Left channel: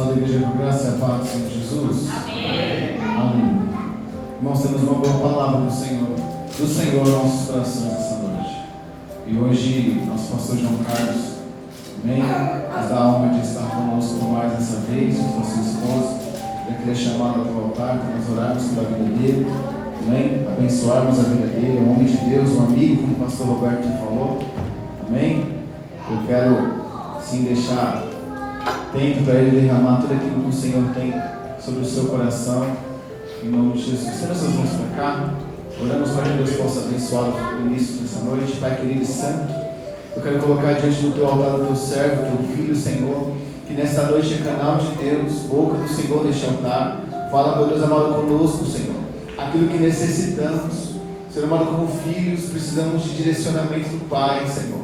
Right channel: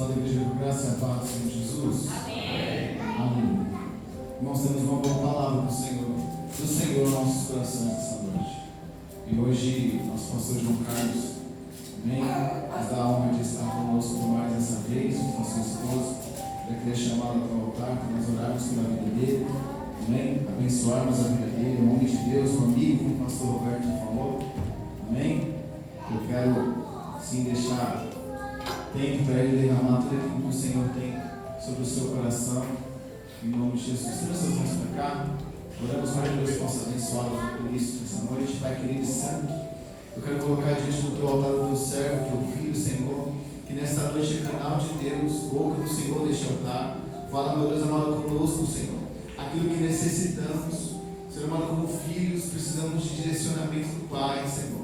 Abençoada igreja, com graça e a paz do Senhor Jesus. Amém. Amém. Irmãos, temos uma boa palavra do Senhor em nossos corações essa noite. E hoje, nosso pastor João Carlos, amém, nos dá a honra de estar conosco por mais essa vez, com a sua esposa. Eu queria chamá-la para o altar, para nós orarmos pela vida dele, amém, abençoarmos a vida dele, um homem de Deus, um amigo, como o pastor Roberto falou, amém. Eu quero, sim, deixar tempo para ele derramar tudo aquilo que o Senhor tem sobre o seu coração, em nome de Jesus. Estenda suas mãos para cá, oramos para que Deus possa abençoar o início dessa noite. Pai querido e santo, eu quero colocar diante do teu altar o teu servo, teu filho, Senhor, que nesta noite é canal de Deus, boca do Senhor deste altar. Fala, meu Deus amado, conosco, Senhor, aquilo que necessitamos. Senhor amado, como filhos, precisamos de direcionamento do Pai, Senhor.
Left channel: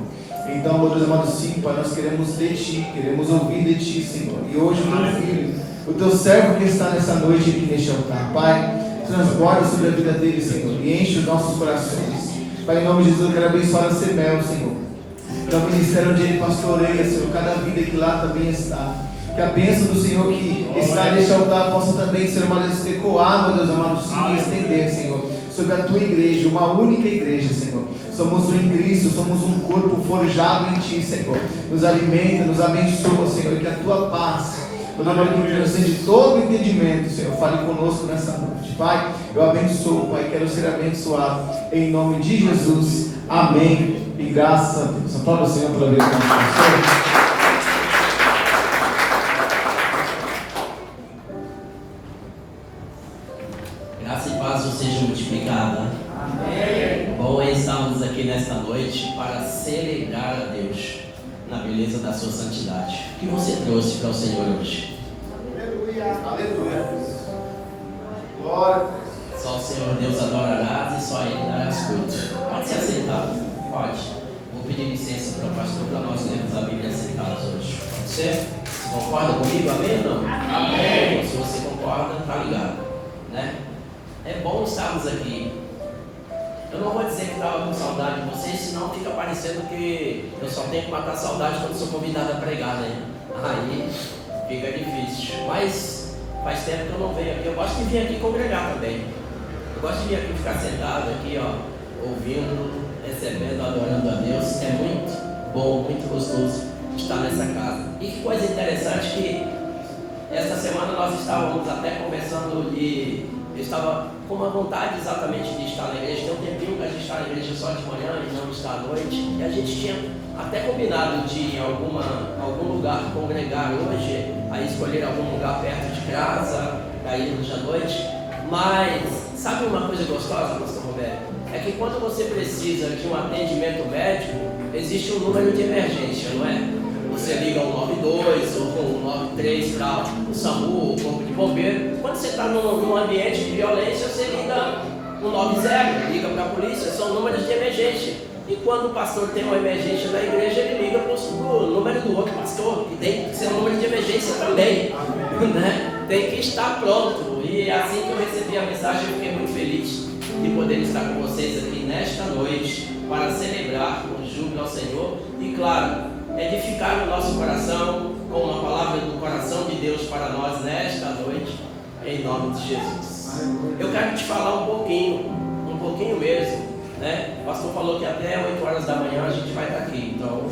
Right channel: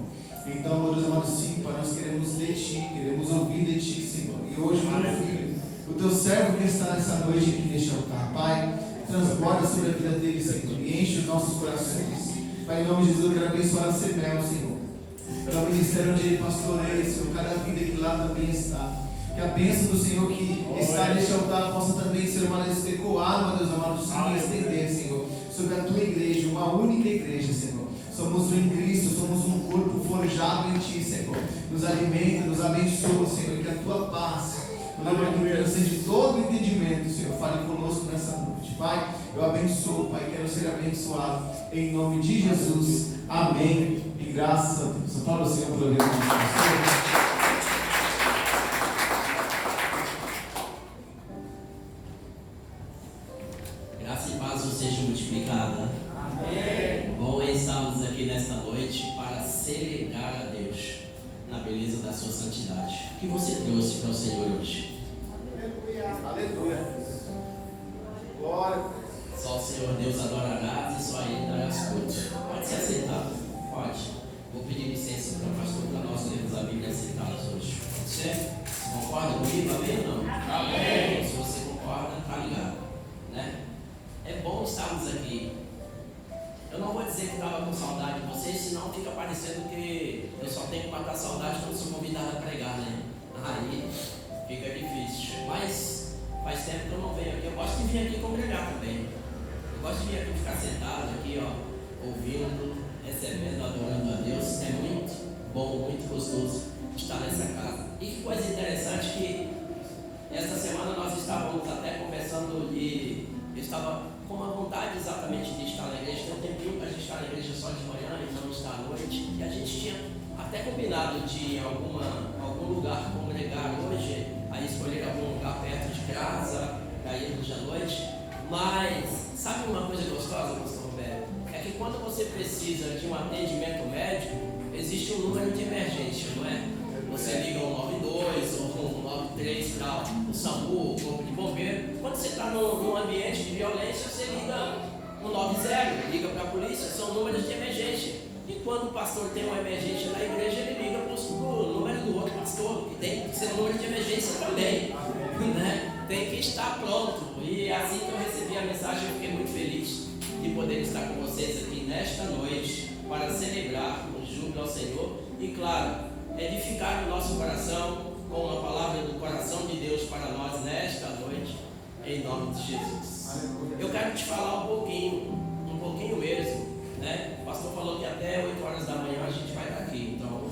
Então, meu Deus amado, sim, Pai, nós queremos de Ti, queremos ouvir de Ti, Senhor. E hoje o teu filho, o teu servo que está nessa noite aqui neste altar, Pai, transborda sobre a vida dele, Senhor, e enche os nossos corações. Pai, em nome de Jesus, eu quero abençoar a Semel, Senhor. Que é o ministério onde ele pastoreia, Senhor, cada vida que lá também está. Que a bênção do Senhor que está neste altar possa também ser uma ecoar, meu Deus amado, sim, e estender, Senhor, sobre a tua igreja, uma única igreja, Senhor. Somos um em Cristo, somos um corpo forjado em Ti, Senhor. Nos alimenta, nos abençoa, Senhor, e que a Tua paz, o nome que transcende todo entendimento, Senhor, fale conosco nessa noite. Pai, eu abençoo, Pai, quero ser abençoado, em nome de Jesus, amém, e graças a Deus. Aplauda o Senhor pela vida do nosso pastor. Graça e paz seja multiplicada. Amém. Bom é estarmos aqui nesta noite para celebrar a Deus na beleza da sua santidade. O que você trouxe para o Senhor hoje? Aleluia, aleluia. Glória. Só o Senhor Deus adorarás e só Ele darás culto. Pode se assentar, pode. Vou pedir licença para o pastor para nós lermos a Bíblia sentados hoje. Pode ser? Você concorda comigo? Amém ou não? Amém. Se você concorda, tá ligado, né? É bom estarmos aqui. Eu não vou dizer que estava com saudade de vocês, senão fica parecendo que eu só tenho que matar a saudade quando sou convidado a pregar, né? Aí fica difícil. Mas faz tempo que eu não venho aqui. Eu gosto de vir aqui congregar também. Eu gosto de vir aqui ficar sentado aqui, ó, ouvindo, recebendo, adorando a Deus. É muito bom, muito gostoso estar nessa casa. E que coisa interessante que esta semana nós estávamos até conversando e eu estava com uma vontade exatamente de estar na igreja. Tem um tempinho que a gente está na igreja só de manhã e não está à noite. E a gente tinha até combinado de ir em algum lugar congregar hoje, aí escolher algum lugar perto de casa, para irmos à noite. Mas sabe uma coisa gostosa, pastor Roberto? É que quando você precisa de um atendimento médico, existe um número de emergência, não é? Você liga o 92 ou o 93 para o SAMU, o Corpo de Bombeiro. Quando você está num ambiente de violência, você liga o 90, liga para a polícia, são números de emergência. E quando o pastor tem uma emergência na igreja, ele liga para o número do outro pastor, que tem que ser um número de emergência também, né? Tem que estar pronto. E assim que eu recebi a mensagem, eu fiquei muito feliz de poder estar com vocês aqui nesta noite para celebrar com júbilo ao Senhor e, claro, edificar o nosso coração com uma palavra do coração de Deus para nós nesta noite, em nome de Jesus. Eu quero te falar um pouquinho mesmo, né? O pastor falou que até 8 horas da manhã a gente vai estar aqui, então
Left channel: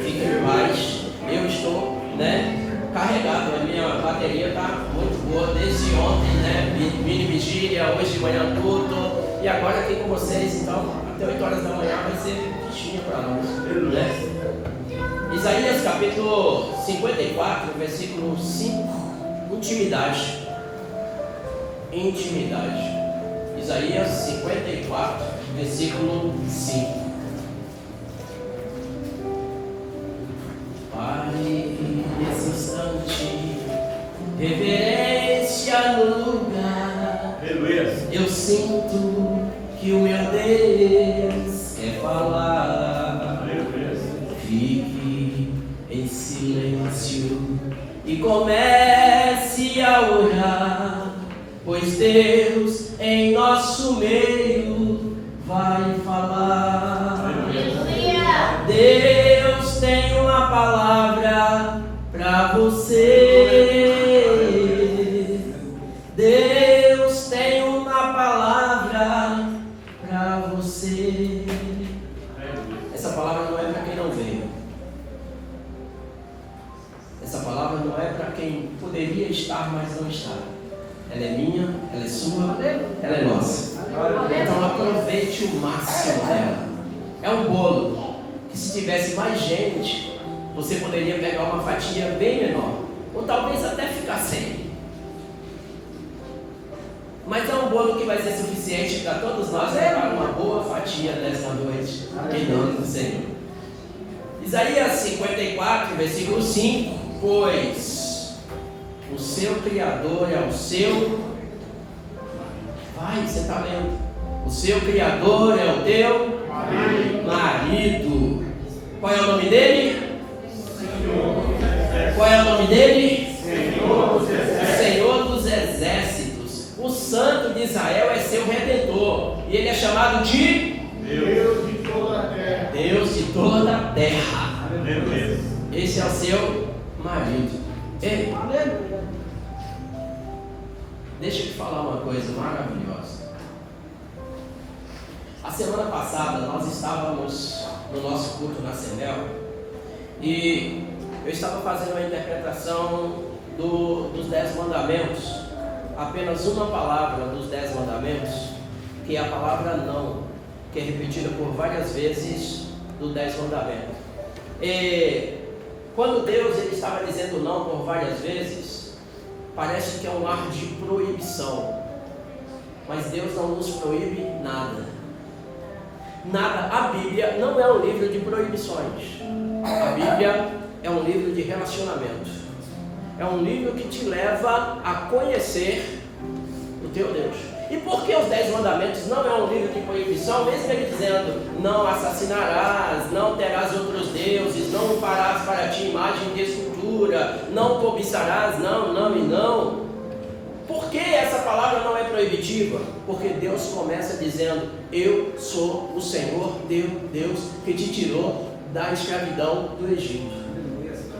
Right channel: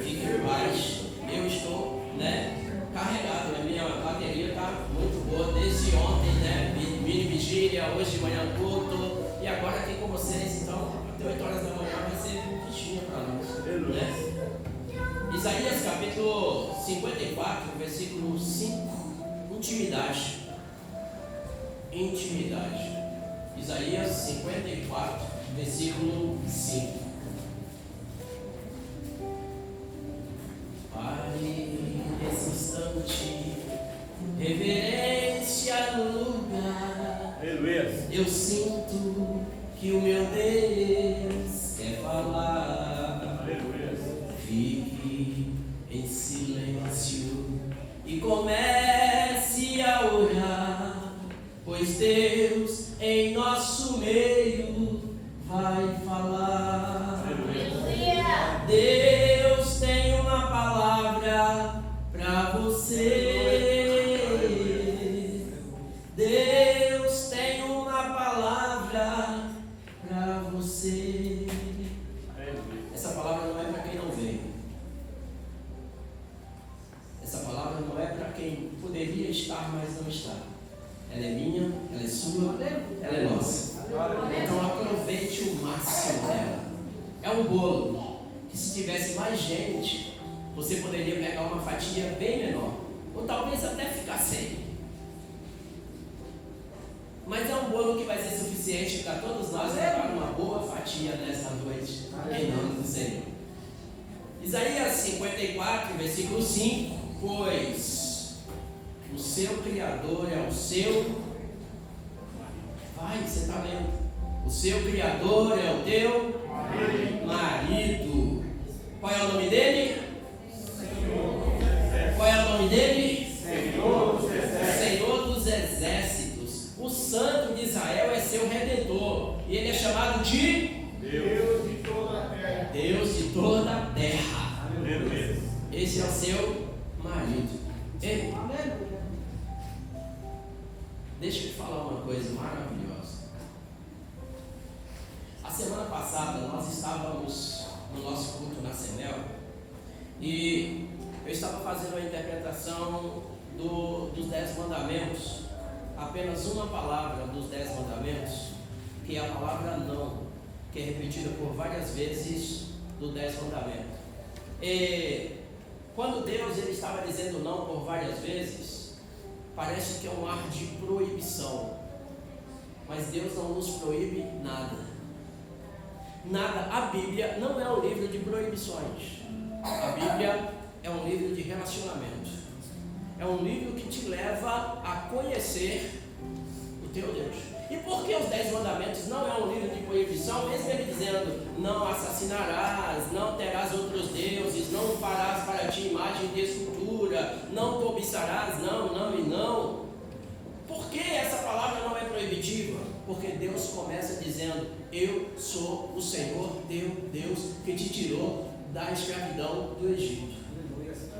fique em paz. Eu estou, né, carregado, a minha bateria está muito boa desde ontem, né? Mini vigília, hoje de manhã tudo, e agora aqui com vocês, então até 8 horas da manhã vai ser fichinha para nós, né? Isaías capítulo 54, versículo 5, intimidade. Isaías 54, versículo 5. Pare nesse instante, reverência no lugar. Eu sinto que o meu Deus quer falar. Fique em silêncio e comece a orar, pois Deus em nosso meio vai falar. Deus tem uma palavra para você. Essa palavra não é para quem poderia estar, mas não está. Ela é minha, ela é sua, ela é nossa. Então aproveite o máximo dela. É um bolo que, se tivesse mais gente, você poderia pegar uma fatia bem menor, ou talvez até ficar sem. Mas é um bolo que vai ser suficiente para todos nós levar uma boa fatia nesta noite, em nome do Senhor. Isaías 54, versículo 5: pois o seu Criador é o seu... Vai, você está lendo. O seu Criador é o teu marido. Qual é o nome dele? Qual é o nome dele? Senhor dos Exércitos. O Santo de Israel é seu Redentor. E ele é chamado de Deus de toda a terra. Deus de toda a terra. Esse é o seu marido. Ei, deixa eu te falar uma coisa maravilhosa. A semana passada nós estávamos no nosso culto na Semel e eu estava fazendo uma interpretação dos 10 mandamentos. Apenas uma palavra dos 10 mandamentos, que é a palavra não, que é repetida por várias vezes do 10 mandamentos. E quando Deus ele estava dizendo não por várias vezes, parece que é um ar de proibição. Mas Deus não nos proíbe nada. Nada. A Bíblia não é um livro de proibições. A Bíblia é um livro de relacionamento. É um livro que te leva a conhecer o teu Deus. E por que os 10 mandamentos não é um livro de proibição? Mesmo ele dizendo, não assassinarás, não terás outros deuses, não farás para ti imagem de escultura, não cobiçarás, não e não. Por que essa palavra não é proibitiva? Porque Deus começa dizendo, eu sou o Senhor teu Deus que te tirou da escravidão do Egito.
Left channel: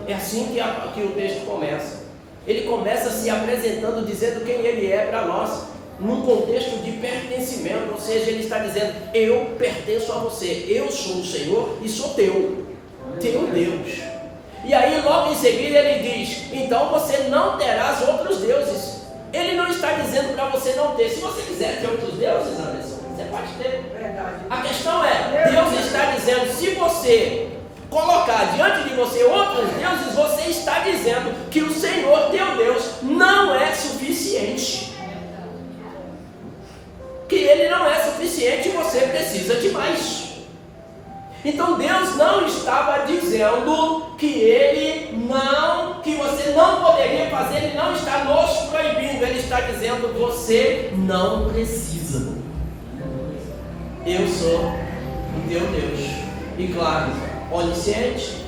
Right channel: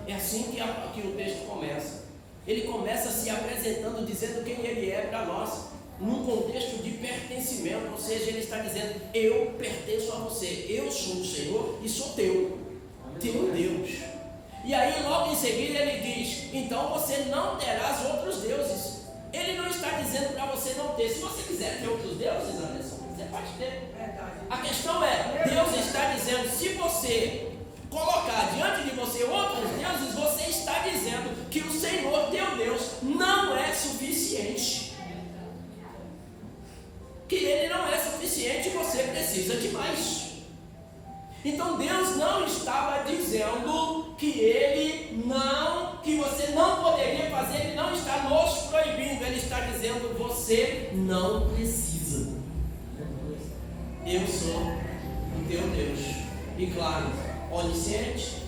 É assim que o texto começa. Ele começa se apresentando, dizendo quem ele é para nós, num contexto de pertencimento, ou seja, ele está dizendo, eu pertenço a você, eu sou o Senhor e sou teu Deus. E aí logo em seguida ele diz, então você não terás outros deuses. Ele não está dizendo para você não ter. Se você quiser ter outros deuses, Anderson, você pode ter. A questão é, Deus está dizendo, se você colocar diante de você outros deuses, você está dizendo que o Senhor teu Deus não é suficiente. Que Ele não é suficiente e você precisa de mais. Então Deus não estava dizendo que você não poderia fazer, Ele não está nos proibindo, Ele está dizendo, você não precisa. Eu sou o teu Deus. E claro, onisciente,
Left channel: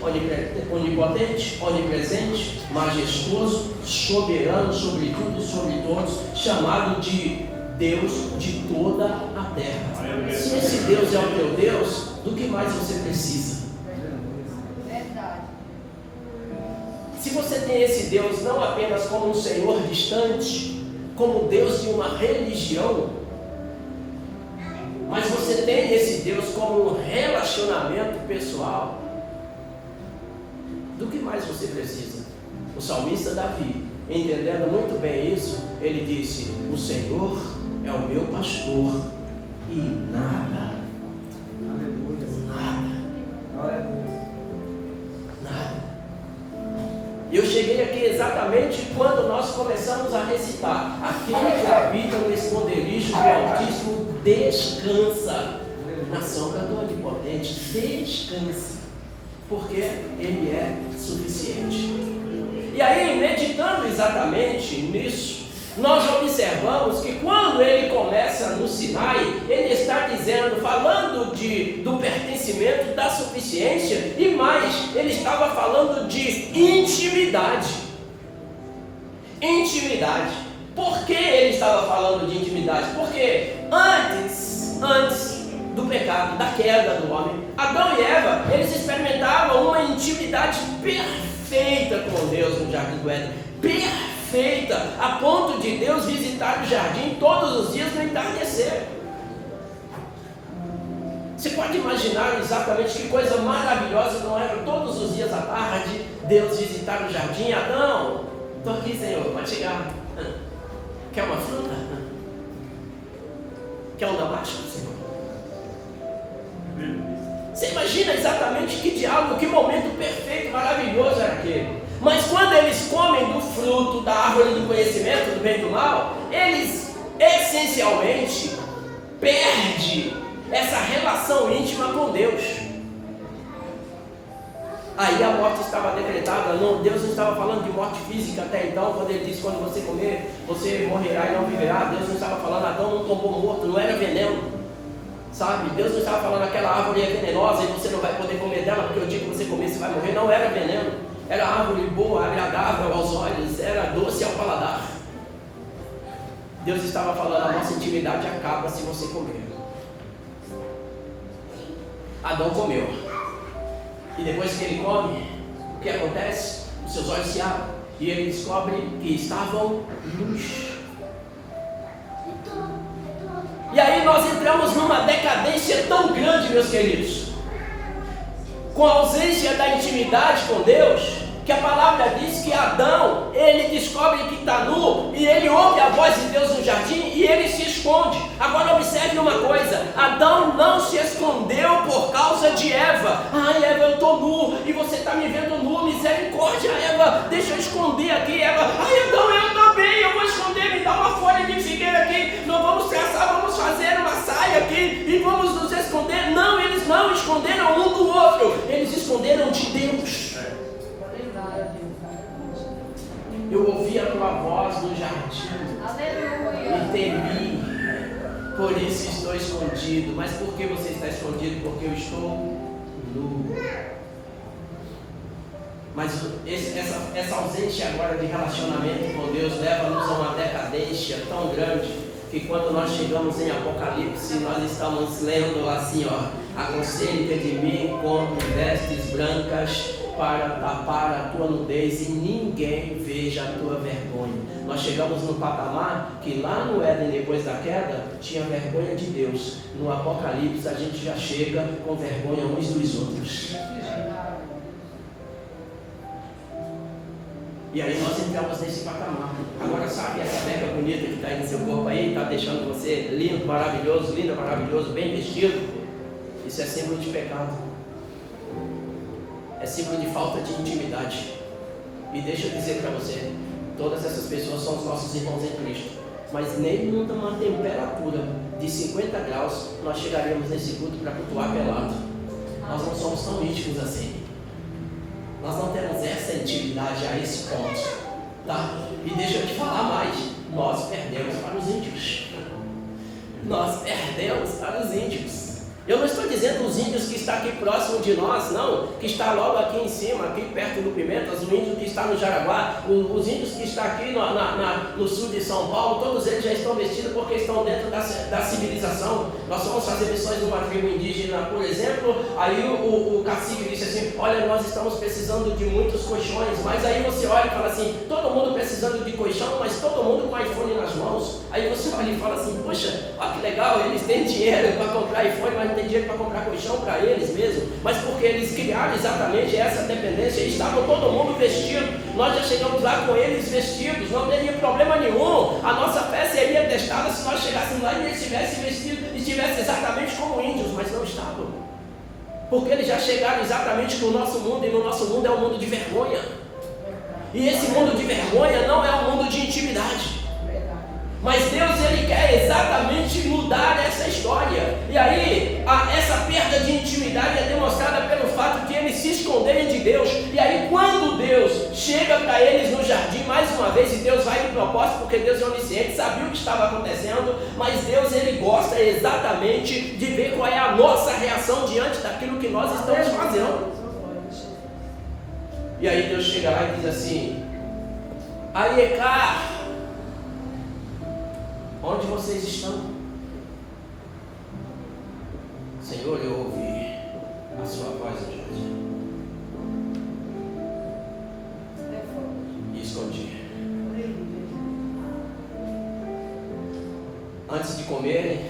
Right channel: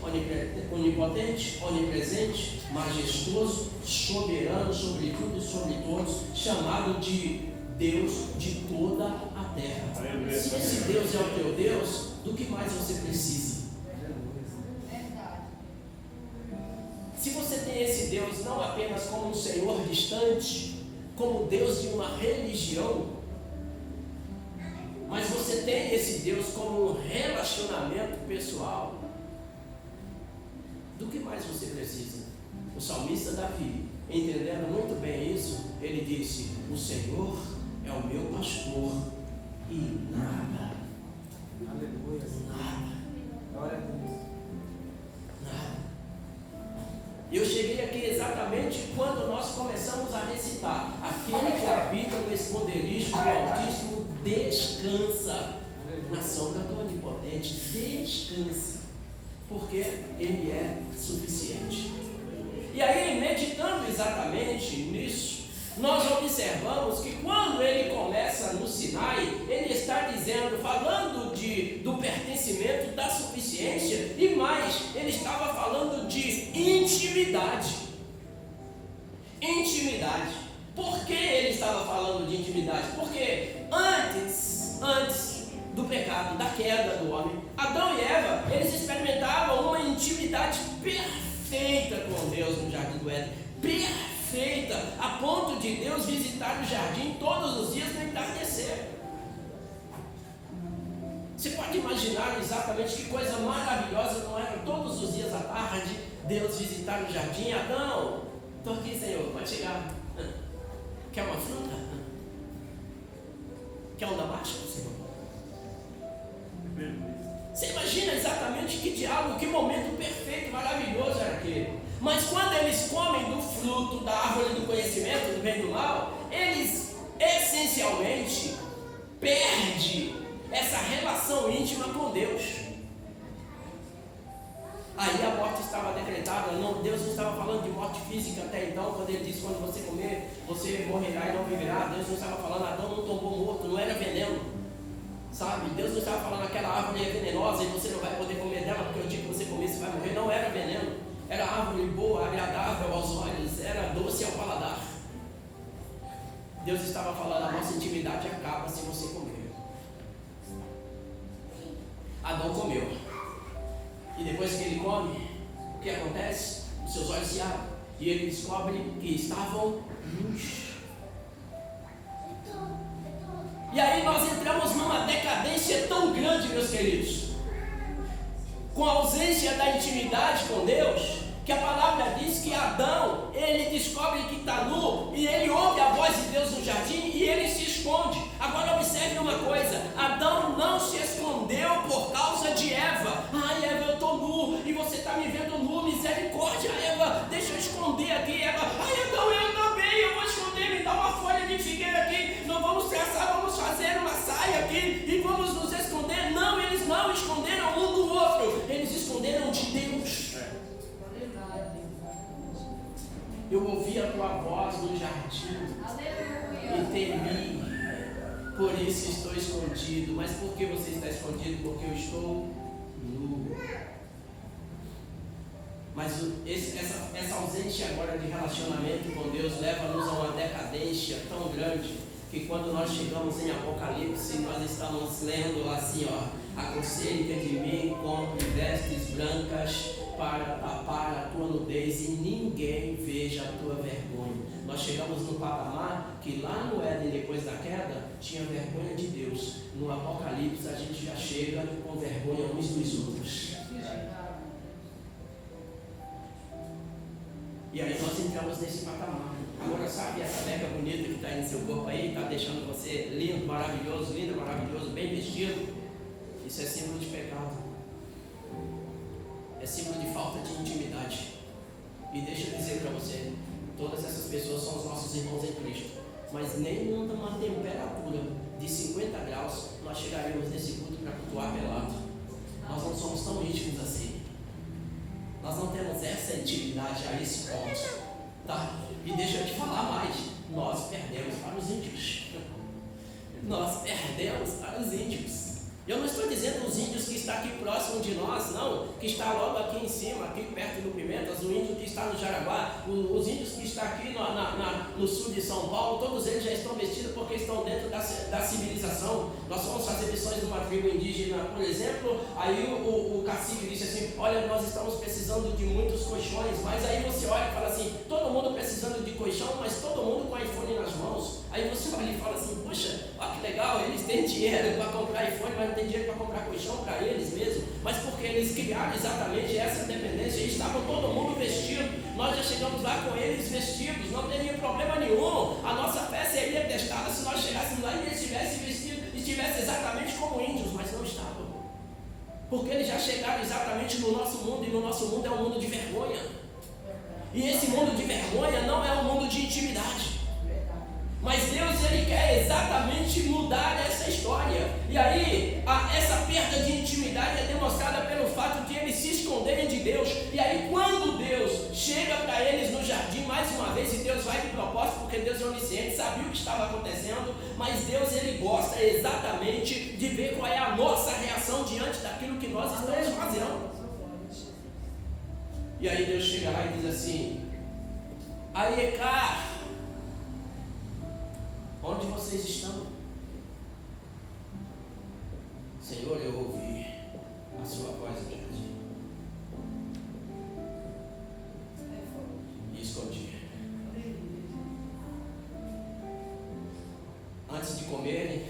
onipotente, onipresente, majestoso, soberano sobre tudo e sobre todos, chamado de Deus de toda a terra. Se esse Deus é o teu Deus, do que mais você precisa? Se você tem esse Deus não apenas como um Senhor distante, como Deus de uma religião, mas você tem esse Deus como um relacionamento pessoal, do que mais você precisa? O salmista Davi, entendendo muito bem isso, ele disse, o Senhor é o meu pastor e nada, eu cheguei aqui exatamente quando nós começamos a recitar, aquele que habita no esconderijo do Altíssimo descansa na sombra do Onipotente, descansa, porque Ele é suficiente. E aí, meditando exatamente nisso, nós observamos que quando ele começa no Sinai, ele está dizendo, falando do pertencimento, da suficiência, e mais, ele estava falando de intimidade. Intimidade. Por que ele estava falando de intimidade? Porque antes do pecado, da queda do homem, Adão e Eva, eles experimentavam uma intimidade perfeita com Deus no Jardim do Éden. Perfeita, a ponto de Deus visitar o jardim todos os dias no entardecer. Você pode imaginar exatamente que coisa maravilhosa não era todos os dias à tarde Deus visitar o jardim? Adão, estou aqui, Senhor, pode chegar. Quer uma fruta? Quer um damasco, Senhor? Você imagina exatamente que diálogo, que momento perfeito, maravilhoso era aquele. Mas quando eles comem do fruto da árvore do conhecimento do bem e do mal, eles essencialmente perdem essa relação íntima com Deus. Aí a morte estava decretada. Não, Deus não estava falando de morte física até então, quando ele disse: quando você comer, você morrerá e não viverá. Deus não estava falando: Adão não tombou morto, não era veneno, sabe? Deus não estava falando: aquela árvore é venenosa e você não vai poder comer dela, porque o dia que você comer você vai morrer. Não era veneno, era árvore boa, agradável aos olhos, era doce ao paladar. Deus estava falando: a nossa intimidade acaba se você comer. Adão comeu, e depois que ele come, o que acontece? Os seus olhos se abrem e ele descobre que estavam nus. E aí nós entramos numa decadência tão grande, meus queridos, com a ausência da intimidade com Deus, que a palavra diz que Adão, ele descobre que está nu, e ele ouve a voz de Deus no jardim, e ele se esconde. Agora observe uma coisa: Adão não se escondeu por causa de Eva. Ai, Eva, eu estou nu, e você está me vendo nu, misericórdia, Eva, deixa eu esconder aqui. Eva: ai, Adão, eu também, eu vou esconder, me dá uma folha de figueira aqui, nós vamos traçar, vamos fazer uma saia aqui, e vamos nos esconder. Não, eles não esconderam um do outro, eles esconderam de Deus. Eu ouvi a tua voz no jardim e temi, por isso estou escondido. Mas por que você está escondido? Porque eu estou nu. Mas essa ausência agora de relacionamento com Deus leva-nos a uma decadência tão grande, que quando nós chegamos em Apocalipse, nós estamos lendo assim, ó: aconselho-te de mim, compre vestes brancas para tapar a tua nudez e ninguém veja a tua vergonha. Nós chegamos no patamar que lá no Éden, depois da queda, tinha vergonha de Deus. No Apocalipse a gente já chega com vergonha uns dos outros. E aí nós entramos nesse patamar. Agora, sabe essa beca bonita que está aí no seu corpo aí, está deixando você lindo, maravilhoso, bem vestido? Isso é símbolo de pecado. É símbolo de falta de intimidade. E deixa eu dizer para você, todas essas pessoas são os nossos irmãos em Cristo, mas nem numa temperatura de 50 graus nós chegaremos nesse culto para cultuar pelado. Nós não somos tão íntimos assim. Nós não temos essa intimidade a esse ponto, tá? E deixa eu te falar mais: nós perdemos para os índios. Nós perdemos para os índios. Eu não estou dizendo os índios que está aqui próximo de nós, não, que está logo aqui em cima, aqui perto do Pimentas, o índio que está no Jaraguá, os índios que estão aqui no sul de São Paulo, todos eles já estão vestidos porque estão dentro da civilização. Nós vamos fazer missões numa tribo indígena, por exemplo, aí o cacique disse assim: olha, nós estamos precisando de muitos colchões, mas aí você olha e fala assim: todo mundo precisando de colchão, mas todo mundo com iPhone nas mãos. Aí você olha e fala assim: poxa, olha que legal, eles têm dinheiro para comprar iPhone, mas não tem dinheiro para comprar colchão para eles mesmo. Mas porque eles criaram exatamente essa dependência, e estavam todo mundo vestido. Nós já chegamos lá com eles vestidos, não teria problema nenhum. A nossa fé seria testada se nós chegássemos lá e eles estivessem vestidos, estivessem exatamente como índios, mas não estavam, porque eles já chegaram exatamente no nosso mundo, e no nosso mundo é um mundo de vergonha. E esse mundo de vergonha não é um mundo de intimidade. Mas Deus, Ele quer exatamente mudar essa história. E aí, essa perda de intimidade é demonstrada pelo fato de eles se esconderem de Deus. E aí, quando Deus chega para eles no jardim, mais uma vez, e Deus vai de propósito, porque Deus é onisciente, sabia o que estava acontecendo, mas Deus, Ele gosta exatamente de ver qual é a nossa reação diante daquilo que nós estamos fazendo. E aí Deus chega lá e diz assim: Aiecar, onde vocês estão? Senhor, eu ouvi a sua voz hoje e escondi. Antes de comerem,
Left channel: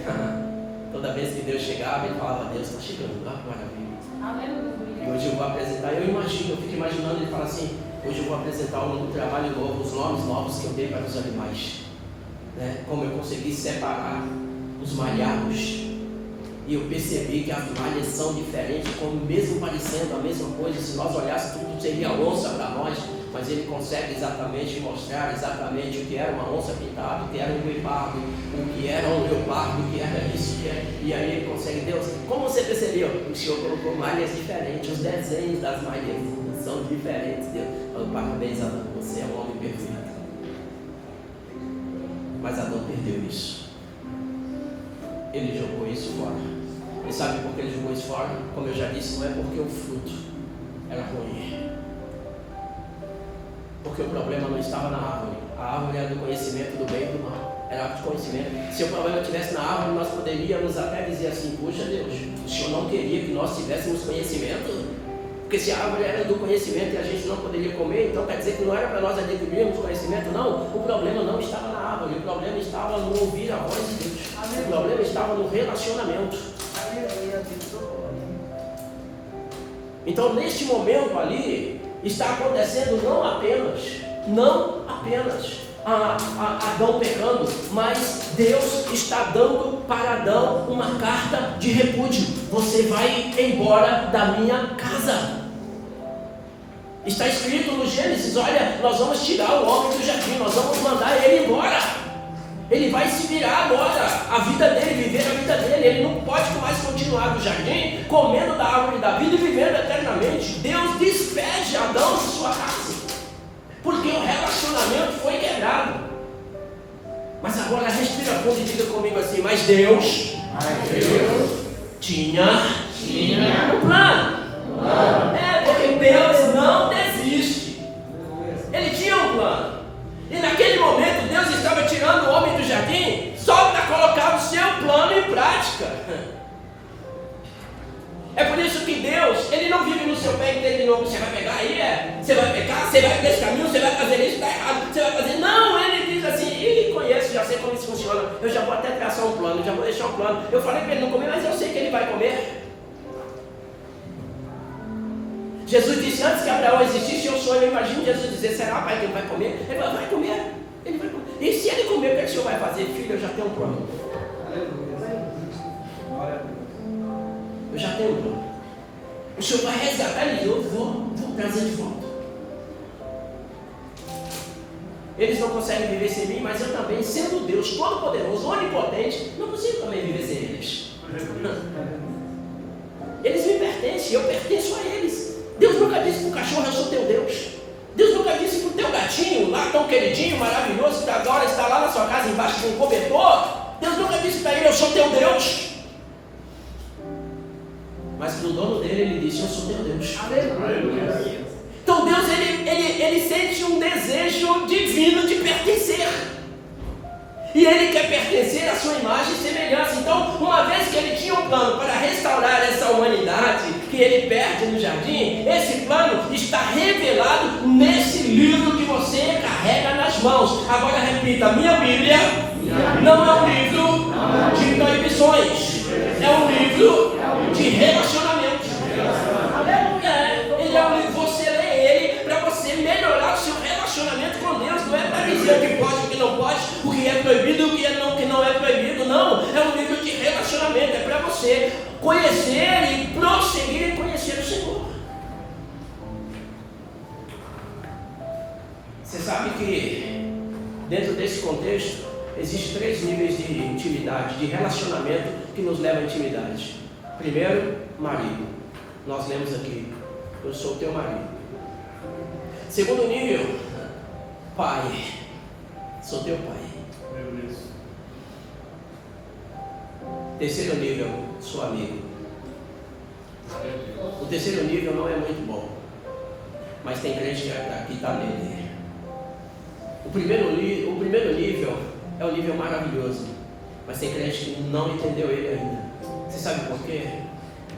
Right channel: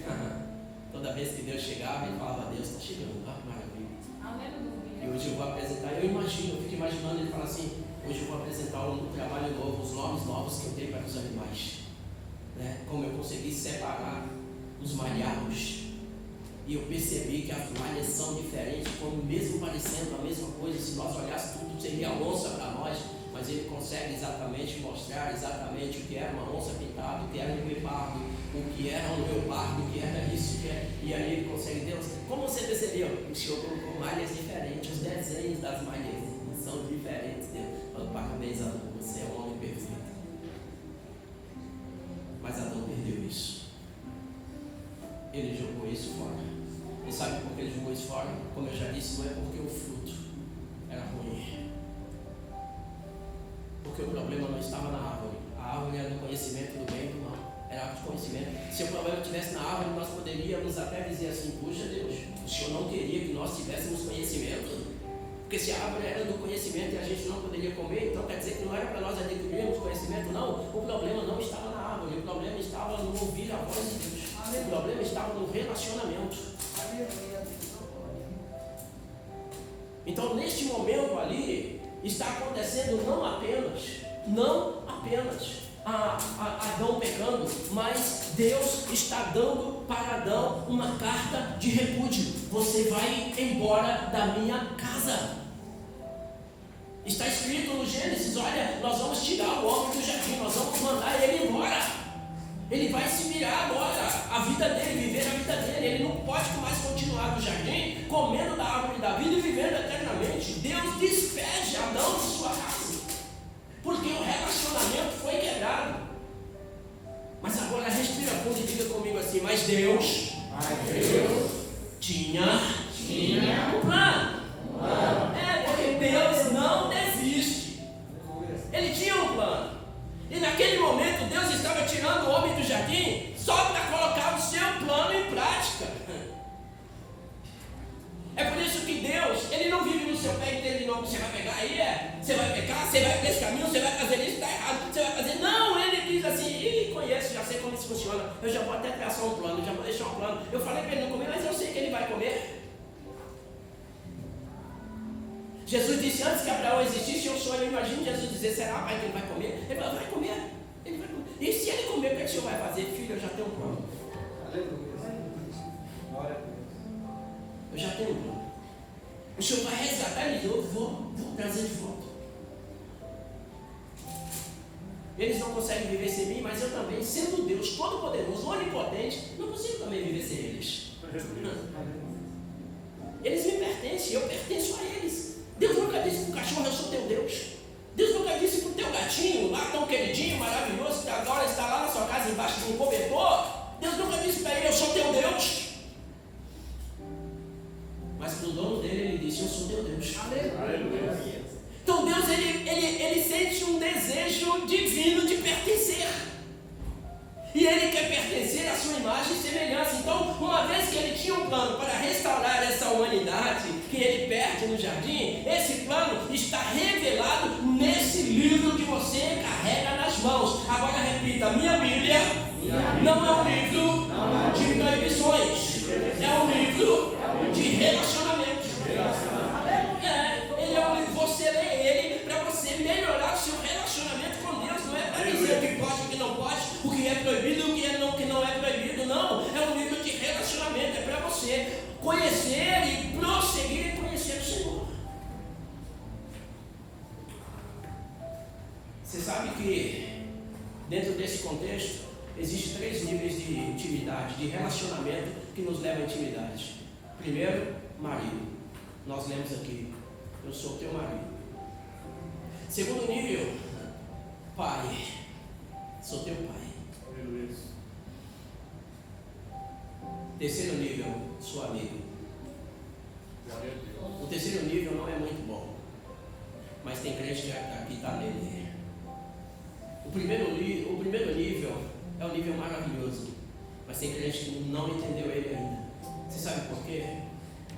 Toda vez que Deus chegava, ele falava: Deus está chegando, maravilha. Aleluia. E hoje eu vou apresentar, eu fico imaginando ele falar assim: hoje eu vou apresentar um trabalho novo, os nomes novos que eu dei para os animais, né? Como eu consegui separar os malhados. E eu percebi que as malhas são diferentes, como mesmo parecendo a mesma coisa, se nós olhássemos tudo seria onça para nós, mas ele consegue exatamente mostrar exatamente o que era uma onça pintada, o que era um guepardo, o que era um leopardo, o que era isso, e aí ele consegue. Deus, como você percebeu? O Senhor colocou malhas diferentes, os desenhos das malhas são diferentes. Deus falou: parabéns, Adão, você é um homem perfeito. Mas Adão perdeu isso. Ele jogou isso fora. E sabe por que ele jogou isso fora? Como eu já disse, não é porque o fruto era ruim. Porque o problema não estava na árvore. A árvore era do conhecimento do bem e do mal. Era árvore de conhecimento. Se o problema estivesse na árvore, nós poderíamos até dizer assim: puxa Deus, o Senhor não queria que nós tivéssemos conhecimento? Porque se a árvore era do conhecimento e a gente não poderia comer, então quer dizer que não era para nós adquirirmos conhecimento? Não, o problema não estava na árvore, o problema estava no ouvir a voz de Deus. O problema estava no relacionamento. Então neste momento ali, está acontecendo não apenas Adão pecando, mas Deus está dando para Adão uma carta de repúdio: você vai embora da minha casa. Está escrito no Gênesis: olha, nós vamos tirar o homem do jardim, nós vamos mandar ele embora. Ele vai se virar agora, a vida dele, viver a vida dele. Ele não pode mais continuar no jardim, comendo da árvore da vida e vivendo eternamente. Deus despede Adão de sua casa, porque o relacionamento foi quebrado. Mas agora respira fundo e diga comigo assim: mas Deus tinha um plano. Porque Deus não desiste. Ele tinha um plano. E naquele momento Deus estava tirando o homem do jardim só para colocar o seu plano em prática. É por isso que Deus, Ele não vive no seu pé e de novo: você vai pegar aí, você vai pecar, você vai por esse caminho, você vai fazer isso, está errado, você vai fazer. Não, Ele diz assim: Ele conhece, já sei como isso funciona, eu já vou até traçar um plano, já vou deixar um plano. Eu falei para ele não comer, mas eu sei que ele vai comer. Jesus disse: antes que Abraão existisse, eu sou. Eu imagino Jesus dizer: será, pai, que ele vai comer? Ele vai comer, ele vai comer. E se ele comer, o que o Senhor vai fazer? Filho, eu já tenho um plano. Eu já tenho um plano. O Senhor vai resgatar ele, eu vou trazer de volta. Eles não conseguem viver sem mim, mas eu também, sendo Deus todo-poderoso, onipotente, não consigo também viver sem eles. Eles me pertencem, eu pertenço a eles. Deus nunca disse para o cachorro: eu sou teu Deus. Deus nunca disse para o teu gatinho, lá tão queridinho, maravilhoso, que agora está lá na sua casa embaixo de um cobertor. Deus nunca disse para ele: eu sou teu Deus. Mas para o dono dele, ele disse: eu sou teu Deus. Aleluia. Então Deus, ele sente um desejo divino de pertencer. E Ele quer pertencer à sua imagem e semelhança. Então, uma vez que Ele tinha um plano para restaurar essa humanidade que Ele perde no jardim, esse plano está revelado nesse livro que você carrega nas mãos. Agora repita: minha Bíblia não é um livro de proibições, é um livro de relacionamento. Ele é um livro, você lê ele para você melhorar o seu relacionamento com Deus. Não é para dizer o que pode, o que não pode, o que é proibido e o que não é proibido. Não, é um livro de relacionamento. É para você conhecer e prosseguir em conhecer o Senhor. Você sabe que dentro desse contexto existem 3 níveis de intimidade, de relacionamento que nos leva à intimidade. Primeiro, marido. Nós lemos aqui: eu sou teu marido. Segundo nível, pai. Sou teu pai. Terceiro nível, sou amigo. O terceiro nível não é muito bom, mas tem crente que está nele. O primeiro nível é um nível maravilhoso, mas tem crente que não entendeu ele ainda. Você sabe por quê?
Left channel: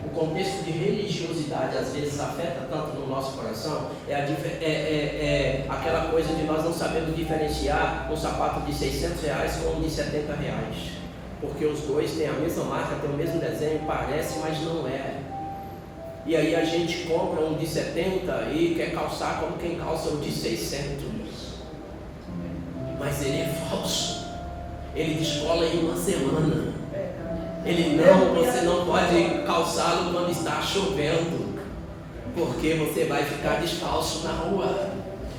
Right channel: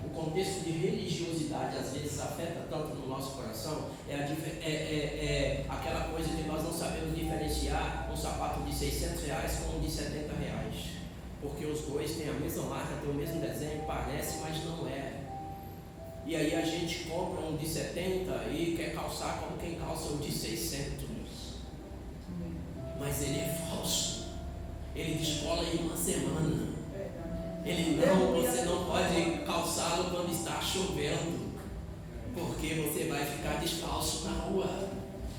O contexto de religiosidade às vezes afeta tanto no nosso coração. É aquela coisa de nós não sabemos diferenciar um sapato de R$600 com um de R$70. porque os dois têm a mesma marca, têm o mesmo desenho, parece, mas não é. E aí a gente compra um de 70 e quer calçar como quem calça um de 600. Mas ele é falso. Ele descola em uma semana. Você não pode calçá-lo quando está chovendo, porque você vai ficar descalço na rua.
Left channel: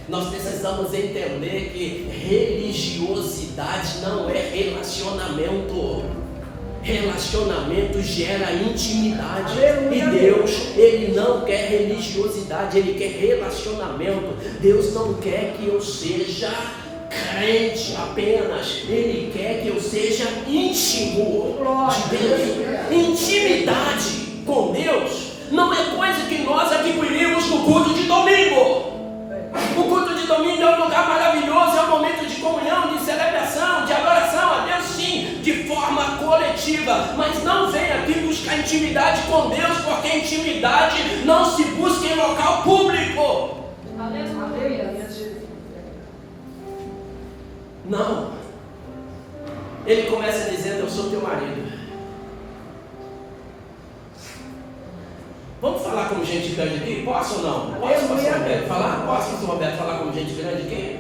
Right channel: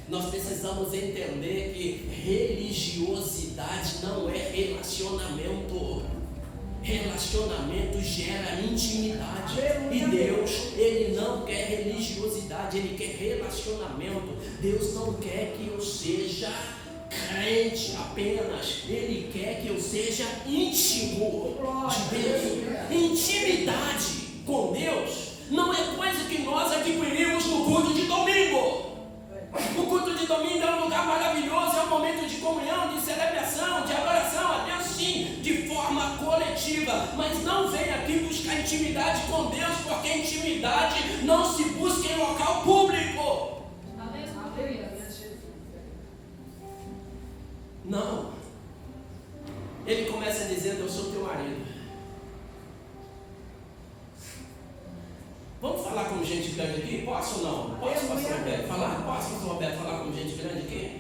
Nós precisamos entender que religiosidade não é relacionamento. Relacionamento gera intimidade. E Deus, Ele não quer religiosidade, Ele quer relacionamento. Deus não quer que eu seja crente apenas, Ele quer que eu seja íntimo de Deus. Intimidade com Deus não é coisa que nós adquirimos no culto de domingo. O culto de domingo é um lugar maravilhoso, é um momento de comunhão, de celebração, de adoração a Deus, sim, de forma coletiva. Mas não vem aqui buscar intimidade com Deus, porque intimidade não se busca em local público. Não. Ele começa dizendo: eu sou teu marido. Vamos falar como gente grande aqui? Posso ou não? Posso, pastor Roberto, falar? Posso, pastor Roberto, falar como gente grande aqui?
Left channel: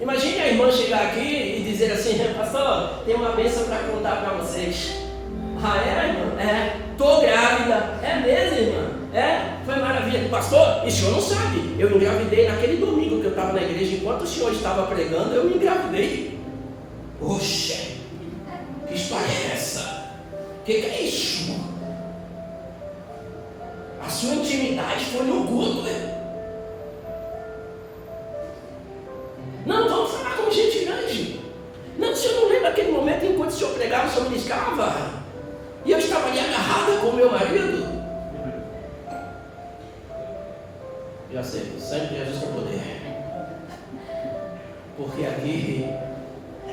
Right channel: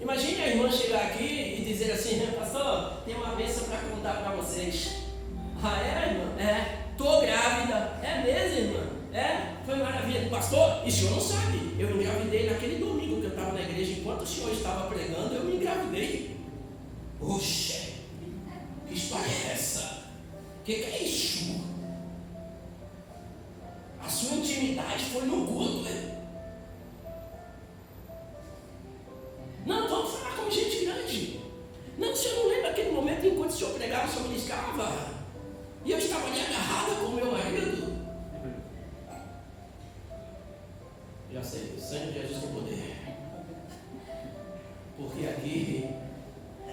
Imagine a irmã chegar aqui e dizer assim: pastor, tem uma bênção para contar para vocês. Ah, é, irmã? É. Estou grávida. É mesmo, irmã? É? Foi maravilha. Pastor, e o senhor não sabe? Eu engravidei naquele domingo que eu estava na igreja. Enquanto o senhor estava pregando, eu me engravidei. Oxe, que história é essa? O que é isso? A sua intimidade foi no culto, né? Não, vamos falar como gente grande. Não, o senhor não lembra aquele momento enquanto o senhor pregava, o senhor ministrava? E eu estava ali agarrada com o meu marido? Já sei, o sangue de Jesus tem poder. Porque aqui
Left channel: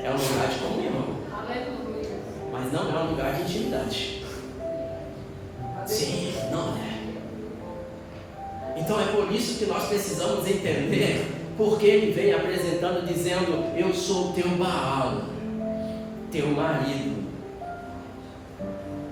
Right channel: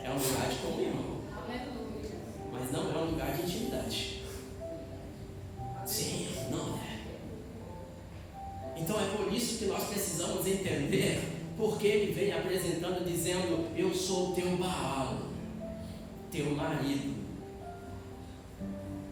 é um lugar de comunhão, mas não é um lugar de intimidade. Sim, não é. Então é por isso que nós precisamos entender porque ele vem apresentando dizendo: eu sou teu Baal, teu marido.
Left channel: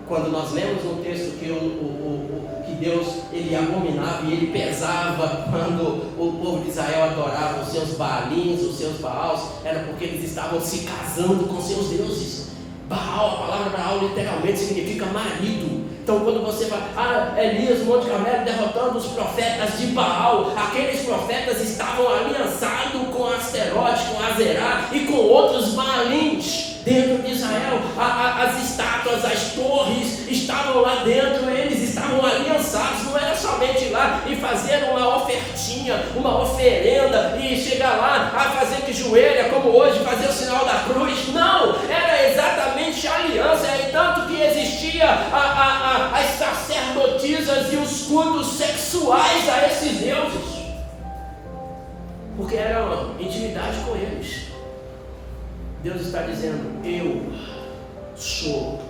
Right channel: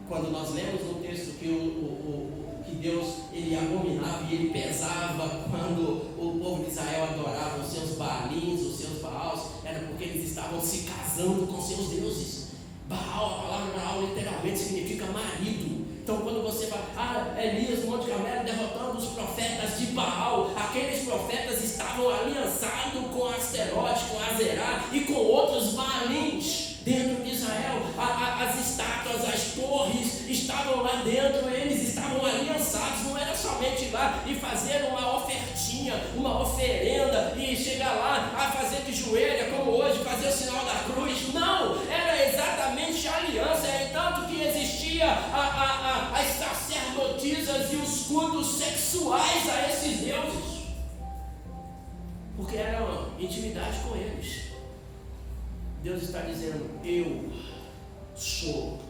Quando nós lemos no texto que Deus, ele abominava e ele pesava quando o povo de Israel adorava os seus Baalins, os seus Baals, era porque eles estavam se casando com seus deuses. Baal, a palavra Baal literalmente significa marido. Então quando você fala, Elias no Monte Carmelo derrotando os profetas de Baal, aqueles profetas estavam aliançados com Asterote, com Azerá e com outros Baalins dentro de Israel. As estátuas, as torres estavam lá dentro, eles estavam aliançados. Não era somente ir lá e fazer uma ofertinha, uma oferenda e chegar lá a fazer que joelha, como hoje, fazer o sinal da cruz. Não, era exatamente a aliança. É tanto que existia as sacerdotisas e os cultos sexuais a esses deuses, porque era uma intimidade com eles. Deus está dizendo: eu sou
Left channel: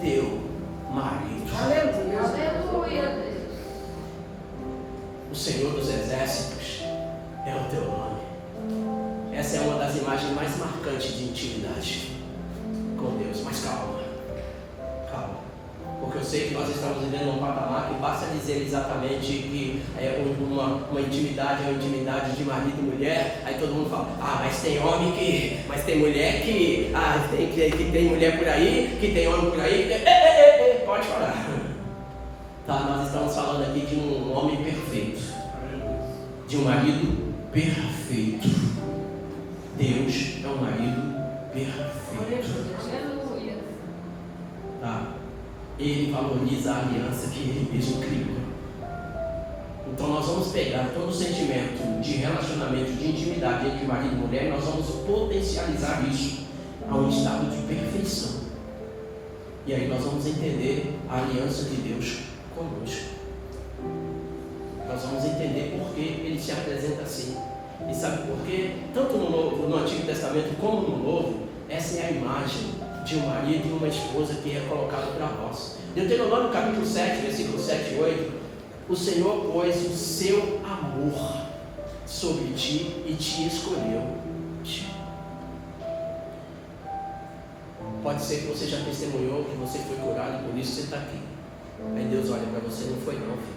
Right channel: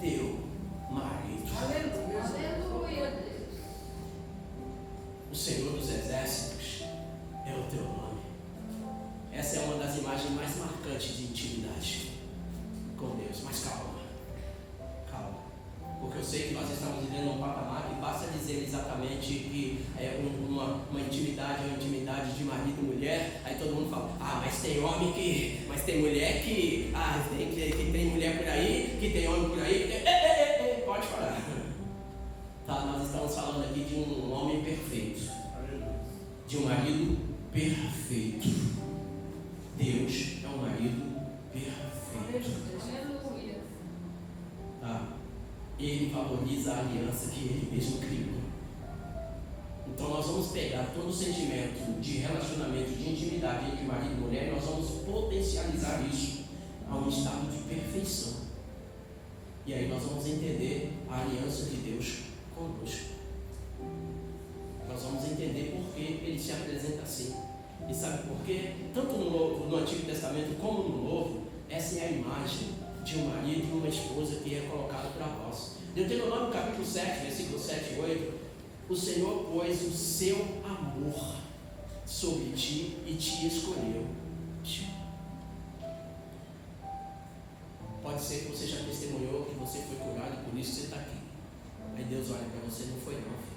teu marido. Aleluia. O Senhor dos Exércitos é o teu nome. Essa é uma das imagens mais marcantes de intimidade com Deus. Mas calma, porque eu sei que nós estamos vivendo um patamar que basta dizer exatamente que é uma intimidade, é uma intimidade de marido e mulher. Aí todo mundo fala: mas tem homem que, mas tem mulher que, que tem mulher por aí, que tem homem por aí. Pode falar. Tá, nós estamos falando aqui de um homem perfeito, de um marido perfeito. Deus é um marido perfeito. Tá? Ele valoriza a aliança que ele mesmo criou. Então nós vamos pegar todo o sentimento de relacionamento, de intimidade entre marido e mulher, e nós vamos potencializar isso a um estado de perfeição. E aí nós vamos entender a aliança de Deus conosco. Nós vamos entender por que ele se apresenta assim. E sabe por quê? Tanto no Antigo Testamento como no Novo, essa é a imagem de um marido e uma esposa que é colocado para nós. Deuteronômio capítulo 7, versículo 7 e 8: o Senhor pôs o seu amor sobre ti e te escolheu. Pode ser que você já testemunhou que você foi curado e por isso você está aqui. Aí Deus olha para você, não foi não, filho.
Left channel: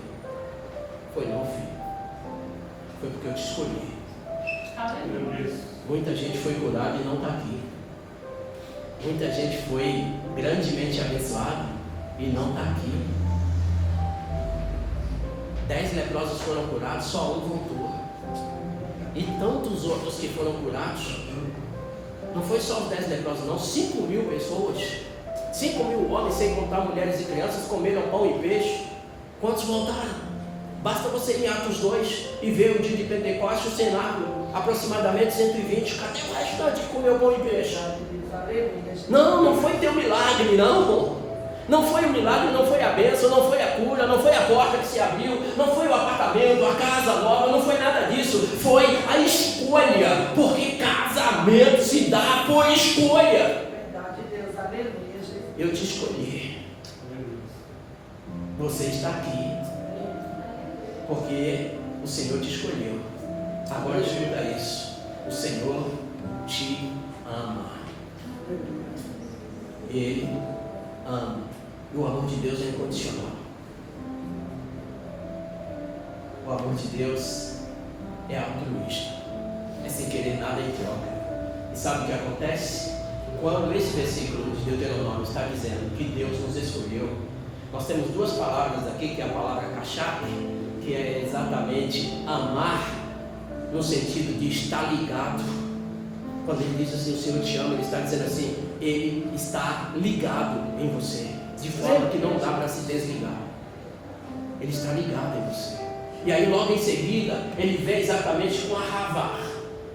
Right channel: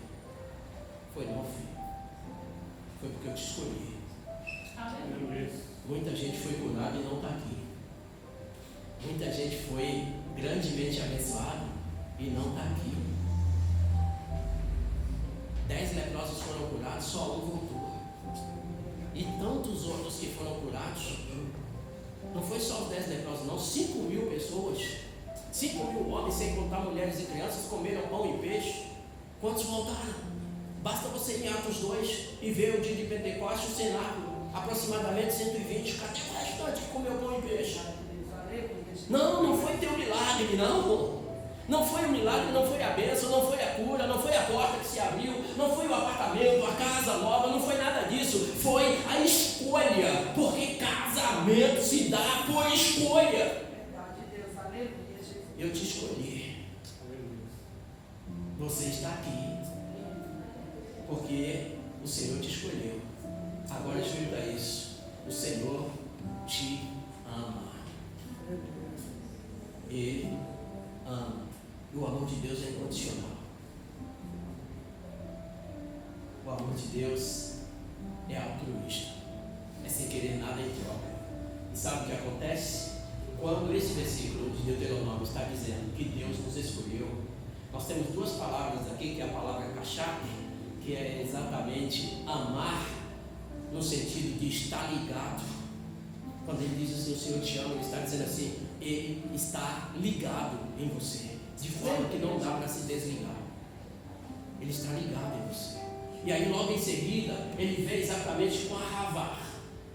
Foi não, filho. Foi porque eu te escolhi. Muita gente foi curada e não está aqui. Muita gente foi grandemente abençoada e não está aqui. 10 leprosos foram curados, só um voltou. E tantos outros que foram curados. Não foi só os 10 leprosos não, 5.000 pessoas. 5.000 homens, sem contar mulheres e crianças, comeram pão e peixe. Quantos voltaram? Basta você ir em Atos 2 e ver o dia de Pentecostes, o cenário, aproximadamente 120. Cadê o restante que comeu pão e peixe? Não foi teu milagre, não. Não foi o milagre, não foi a bênção, não foi a cura, não foi a porta que se abriu, não foi o apartamento, a casa nova, não foi nada disso. Foi a escolha, porque casamento se dá por escolha. Eu te escolhi. Você está aqui porque o Senhor te escolheu. Agora escuta isso: o Senhor te ama. Ele ama. E o amor de Deus é incondicional. O amor de Deus é altruísta, é sem querer nada em troca. E sabe o que acontece? Quando esse versículo de Deuteronômio está dizendo que Deus nos escolheu, nós temos duas palavras aqui, que é a palavra kachap, que é exatamente amar, no sentido de estar ligado. Quando ele diz assim, o Senhor te ama, ele está dizendo assim, ele está ligado em você, de forma que não dá para se desligar. Ele está ligado em você. E aí logo em seguida, ele vem exatamente com a ravar,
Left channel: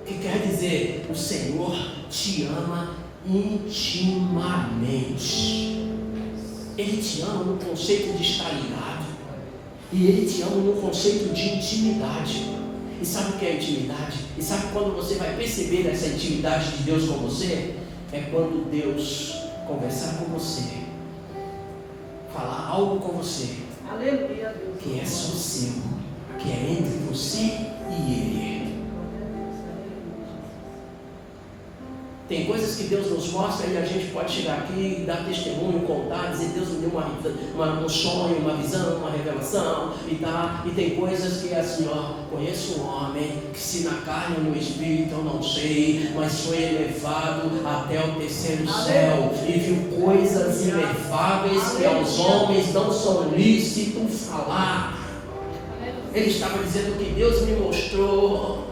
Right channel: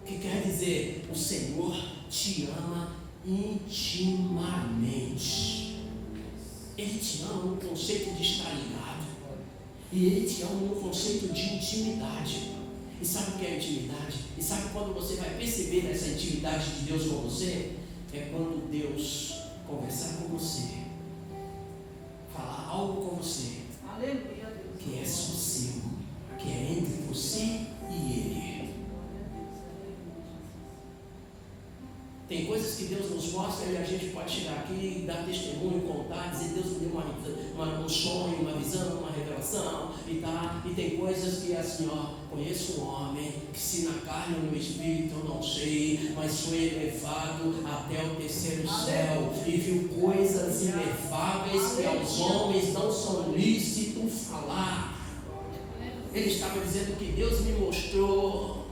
que quer dizer, o Senhor te ama intimamente. Ele te ama no conceito de estar ligado, e ele te ama no conceito de intimidade. E sabe o que é intimidade? E sabe quando você vai perceber essa intimidade de Deus com você? É quando Deus conversar com você, falar algo com você, aleluia, que é só seu, que é entre você e Ele. Tem coisas que Deus nos mostra e a gente pode chegar aqui, dar testemunho, contar, dizer Deus me deu um sonho, uma visão, uma revelação e tal. E tem coisas que é assim, conheço um homem que se na carne ou no espírito eu não sei, mas foi elevado até o terceiro céu e viu coisas inefáveis que aos homens não são lícito falar. Ele estava dizendo que Deus me mostrou.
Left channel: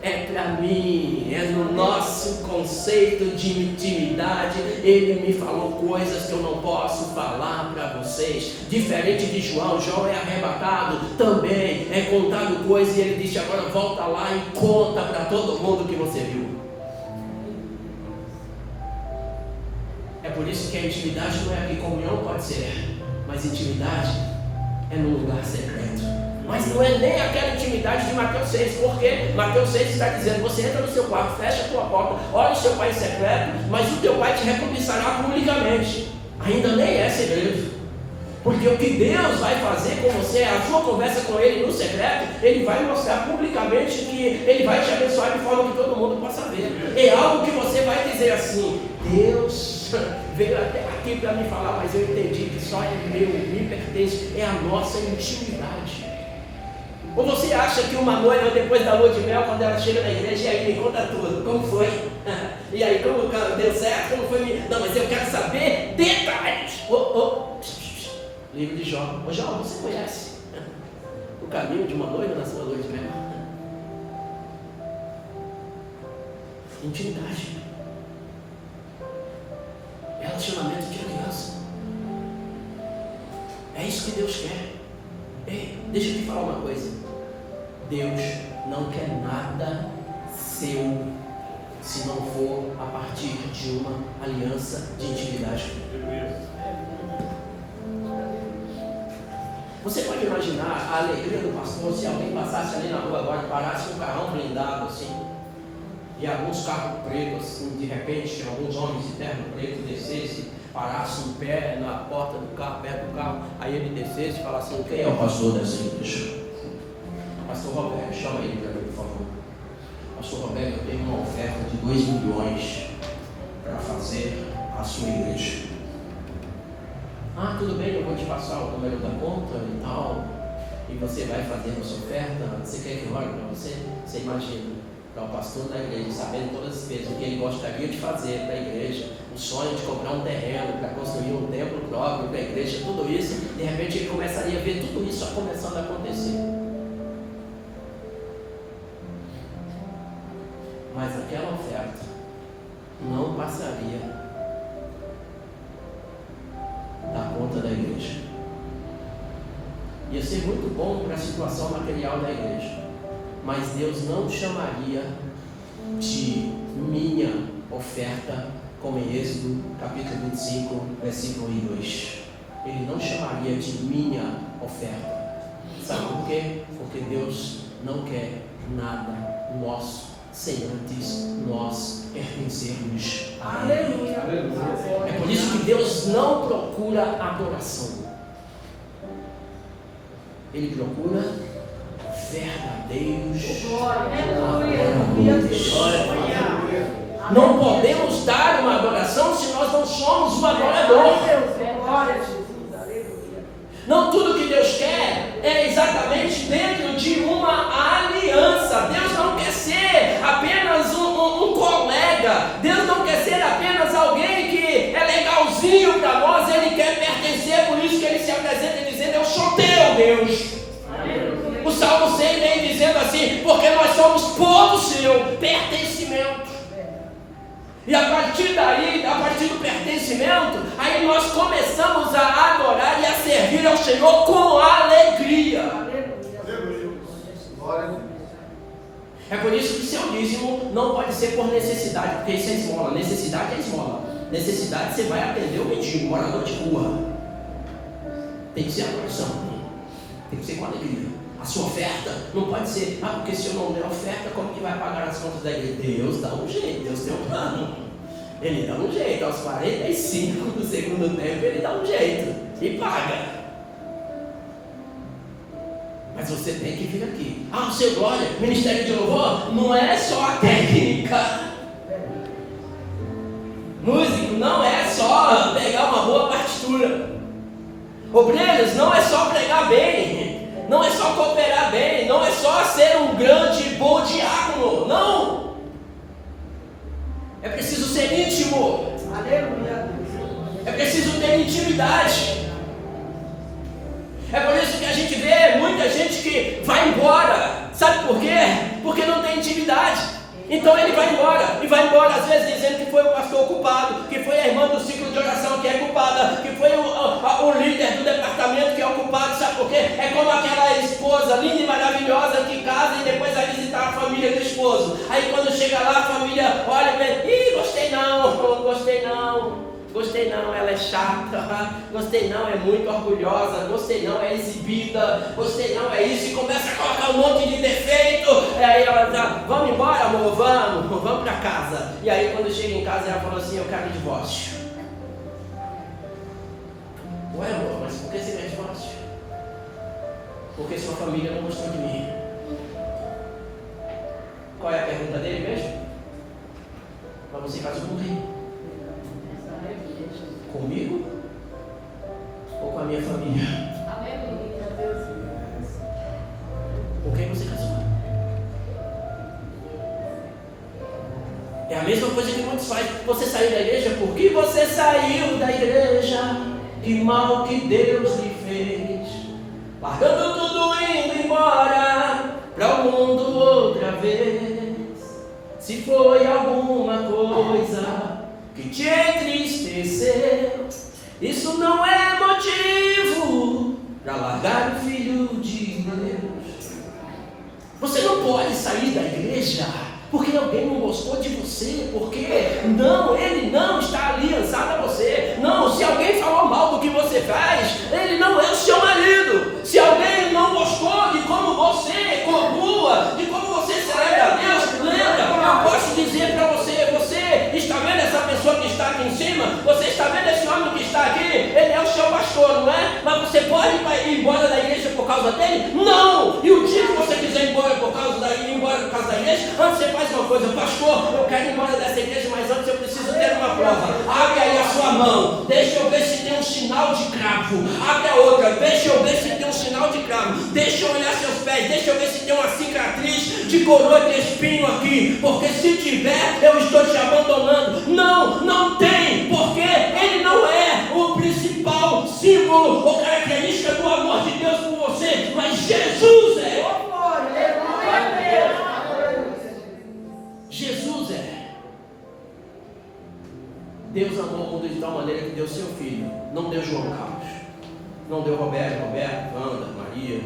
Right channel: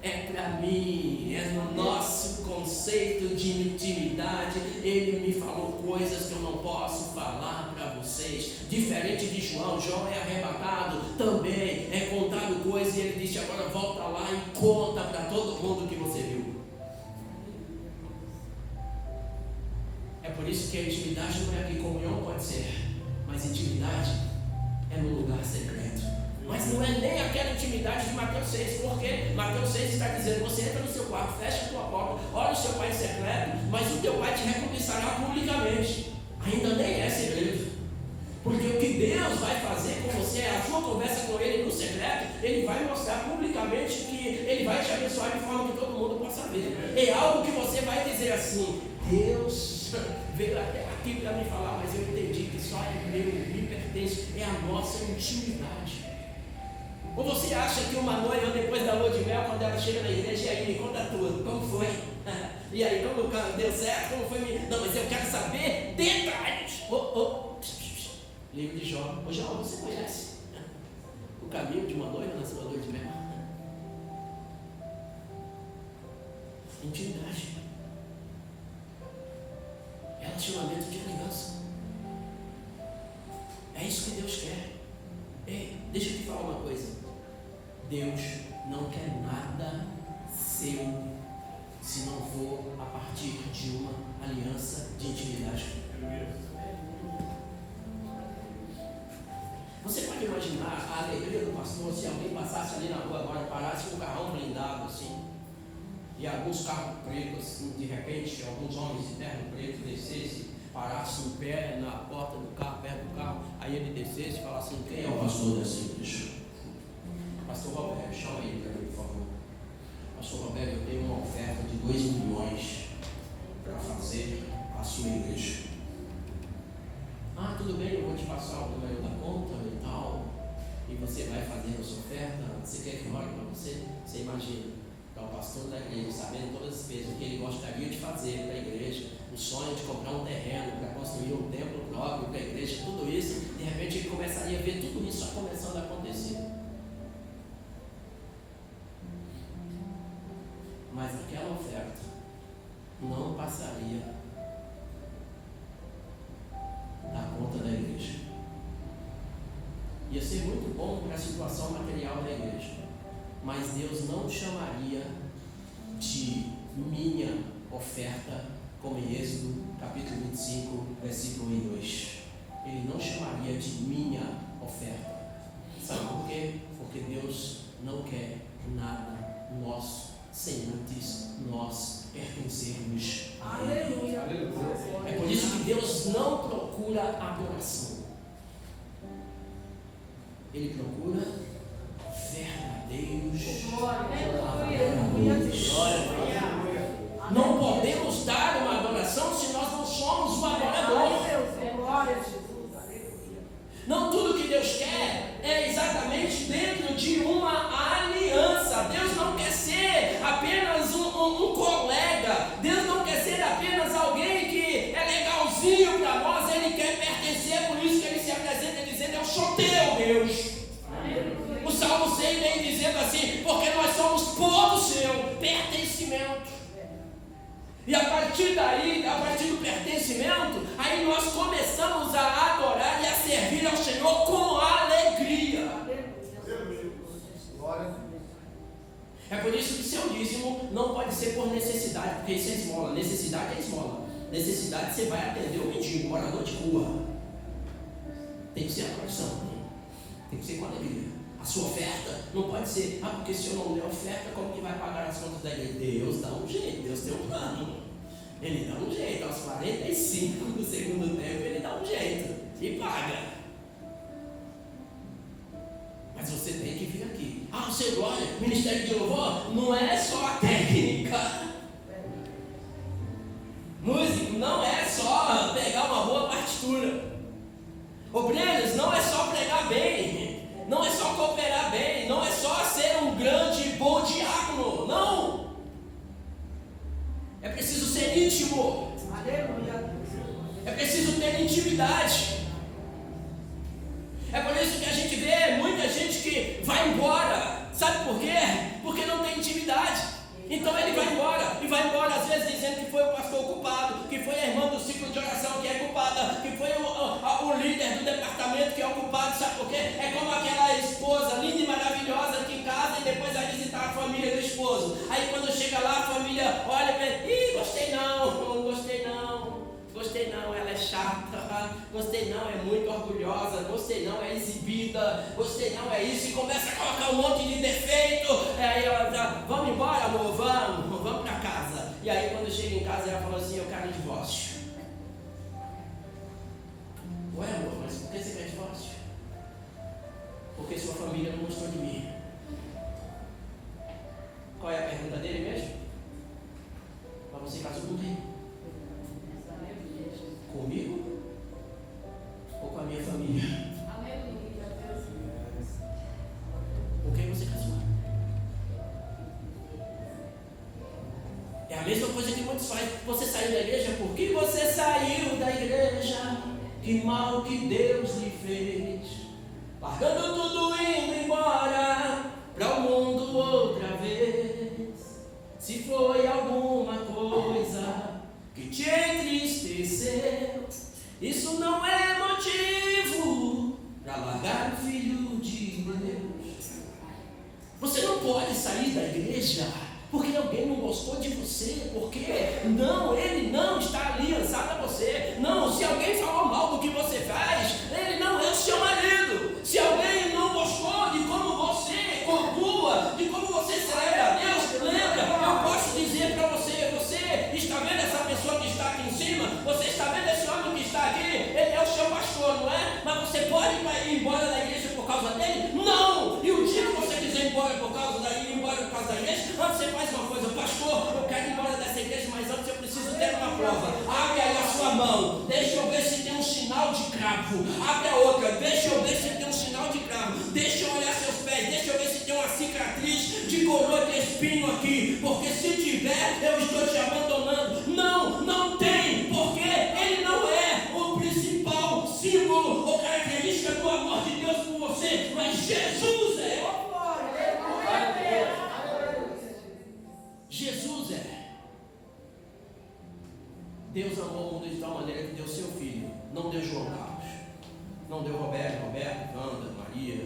É para mim, é no nosso conceito de intimidade. Ele me falou coisas que eu não posso falar para vocês. Diferente de João, João é arrebatado, também é contado coisas e ele disse, agora volta lá e conta para todo mundo que você viu. É por isso que a intimidade não é aqui, comunhão pode ser, mas intimidade é no lugar secreto. Mas não é nem aquela intimidade de Mateus 6, porque Mateus 6 está dizendo, você entra no seu quarto, fecha a tua porta, olha o seu pai em secreto, mas o teu pai te recompensará publicamente. Ainda nem é segredo, porque o que Deus vai fazer com você, a sua conversa com Ele no secreto, Ele vai mostrar publicamente que Ele vai te abençoar de forma que todo mundo possa ver. É algo que você vai dizer assim, Deus veio até aqui para me falar, mas eu entendi que só é meu, me pertence, é a nossa intimidade. Ou você acha que uma noiva, depois da lua de mel, quando ela chega na igreja, e aí me conta tudo, como foi? E aí, como deu certo, como foi? Não, mas eu quero saber detalhes. Livro de Jó. Ô Jó, você conhece o caminho de uma noiva na sua lua de mel? Intimidade. Relacionamento de aliança. É isso que Deus quer. Ei, deixa eu te falar uma coisa. Deus não quer nada seu se não for a partir de uma aliança de intimidade. Você pode imaginar a alegria do pastor se alguém passasse ali na rua agora, parasse um carrão blindado assim, e alguns carros pretos assim, de repente, alguns homens de terno preto descessem, parasse em pé na porta do carro, perto do carro, aí ele descesse e falasse assim, quem é o pastor dessa igreja? Pastor Roberto, chama ele para mim, por favor. Pastor Roberto, eu tenho uma oferta de 2 milhões para fazer a sua igreja. Ah, tudo bem, eu vou te passar o número da conta e tal, e você vai fazer a sua oferta. Você quer que eu ore para você? Você imagina, para o pastor da igreja, sabendo todas as despesas, o que ele gostaria de fazer para a igreja, o sonho de comprar um terreno para construir um templo próprio para a igreja, tudo isso, de repente ele começaria a ver tudo isso começando a acontecer. Mas aquela oferta não passaria da conta da igreja. Ia ser muito bom para a situação material da igreja, mas Deus não chamaria de minha oferta, como em Êxodo capítulo 25, versículo 1 e 2. Ele não chamaria de minha oferta. Sabe por quê? Porque Deus não quer nada nosso sem antes nós pertencermos a Ele. É por isso que Deus não procura adoração. Ele procura verdadeiros adoradores. Não podemos dar uma adoração se nós não somos um adorador. Não tudo que Deus quer é exatamente dentro de uma aliança. Deus não quer ser apenas um colega. Deus não quer ser apenas alguém que é legalzinho para nós. Ele quer pertencer, por isso que ele se apresenta dizendo: eu sou teu Deus. O Salmo 100 vem dizendo assim: porque nós somos povo seu, pertencimento. E a partir daí, a partir do pertencimento, aí nós começamos a adorar e a servir ao Senhor com alegria. É por isso que seu dízimo não pode ser por necessidade, porque isso é esmola. Necessidade é esmola. Necessidade você vai atender o mendigo, morador de rua. Tem que ser adoração, tem que ser com alegria. A sua oferta não pode ser: ah, porque se eu não der oferta, como que vai pagar as contas da igreja? Deus dá um jeito, Deus tem um plano. Ele dá um jeito, aos 45 do segundo tempo, ele dá um jeito e paga. Mas você tem que vir aqui. Ah, seu glória, ministério de louvor não é só a técnica. Músico não é só pegar uma boa partitura. Obreiros não é só pregar bem. Não é só cooperar bem, não é só ser um grande bom diácono, não. É preciso ser íntimo. É preciso ter intimidade. É por isso que a gente vê muita gente que vai embora. Sabe por quê? Porque não tem intimidade. Então ele vai embora, e vai embora às vezes dizendo que foi o pastor culpado, que foi a irmã do ciclo de oração que é culpada, que foi o líder do departamento que é o culpado. Sabe por quê? É como aquela esposa linda e maravilhosa que casa e depois vai visitar a família do esposo. Aí quando chega lá, a família olha e pensa: ih, gostei não, ela é chata, gostei não, é muito orgulhosa, gostei não, é exibida, gostei não, é isso, e começa a colocar um monte de defeito. E aí ela diz: vamos embora, amor, vamos para casa. E aí quando chega em casa, ela falou assim: eu quero divórcio. Ué, amor, mas por que você quer divórcio? Porque sua família não gostou de mim. Qual é a pergunta dele mesmo? Mas você casou com quem? Comigo ou com a minha família? Com quem você casou? É a mesma coisa que muitos fazem. Você saiu da igreja? Por que você saiu da igreja? Que mal que Deus lhe fez, largando tudo, indo embora para o mundo outra vez. Se foi alguma coisa que te entristeceu, isso não é motivo para largar o Filho de Deus. Você não pode sair da igreja porque alguém não gostou de você, porque não, ele não está aliançado a você. Não, se alguém falou mal do que você faz, ele não é o seu marido. Se alguém não gostou de como você conclua, de como você celebra a Deus, lembra, eu posso dizer para você: você está vendo essa pessoa que está aqui em cima? Você está vendo esse homem que está aqui? Ele é o seu pastor, não é? Mas você pode ir embora da igreja por causa dele? Não! E o dia que você quiser ir embora por causa da igreja, antes você faz uma coisa: pastor, eu quero ir embora dessa nessa igreja, mas antes eu preciso ter uma prova. Abre aí a sua mão, deixa eu ver se tem um sinal de cravo. Abre a outra, deixa eu ver se tem um sinal de cravo. Deixa eu olhar seus pés, deixa eu ver se tem uma cicatriz de coroa de espinho aqui, porque se tiver, eu estou te abandonando. Não, não tem, porque ele não é o principal símbolo ou característica do amor de Deus por você, mas Jesus é. Jesus é. Deus amou o mundo de tal maneira que deu seu filho. Não deu João Carlos, não deu Roberto, Wanda, Maria.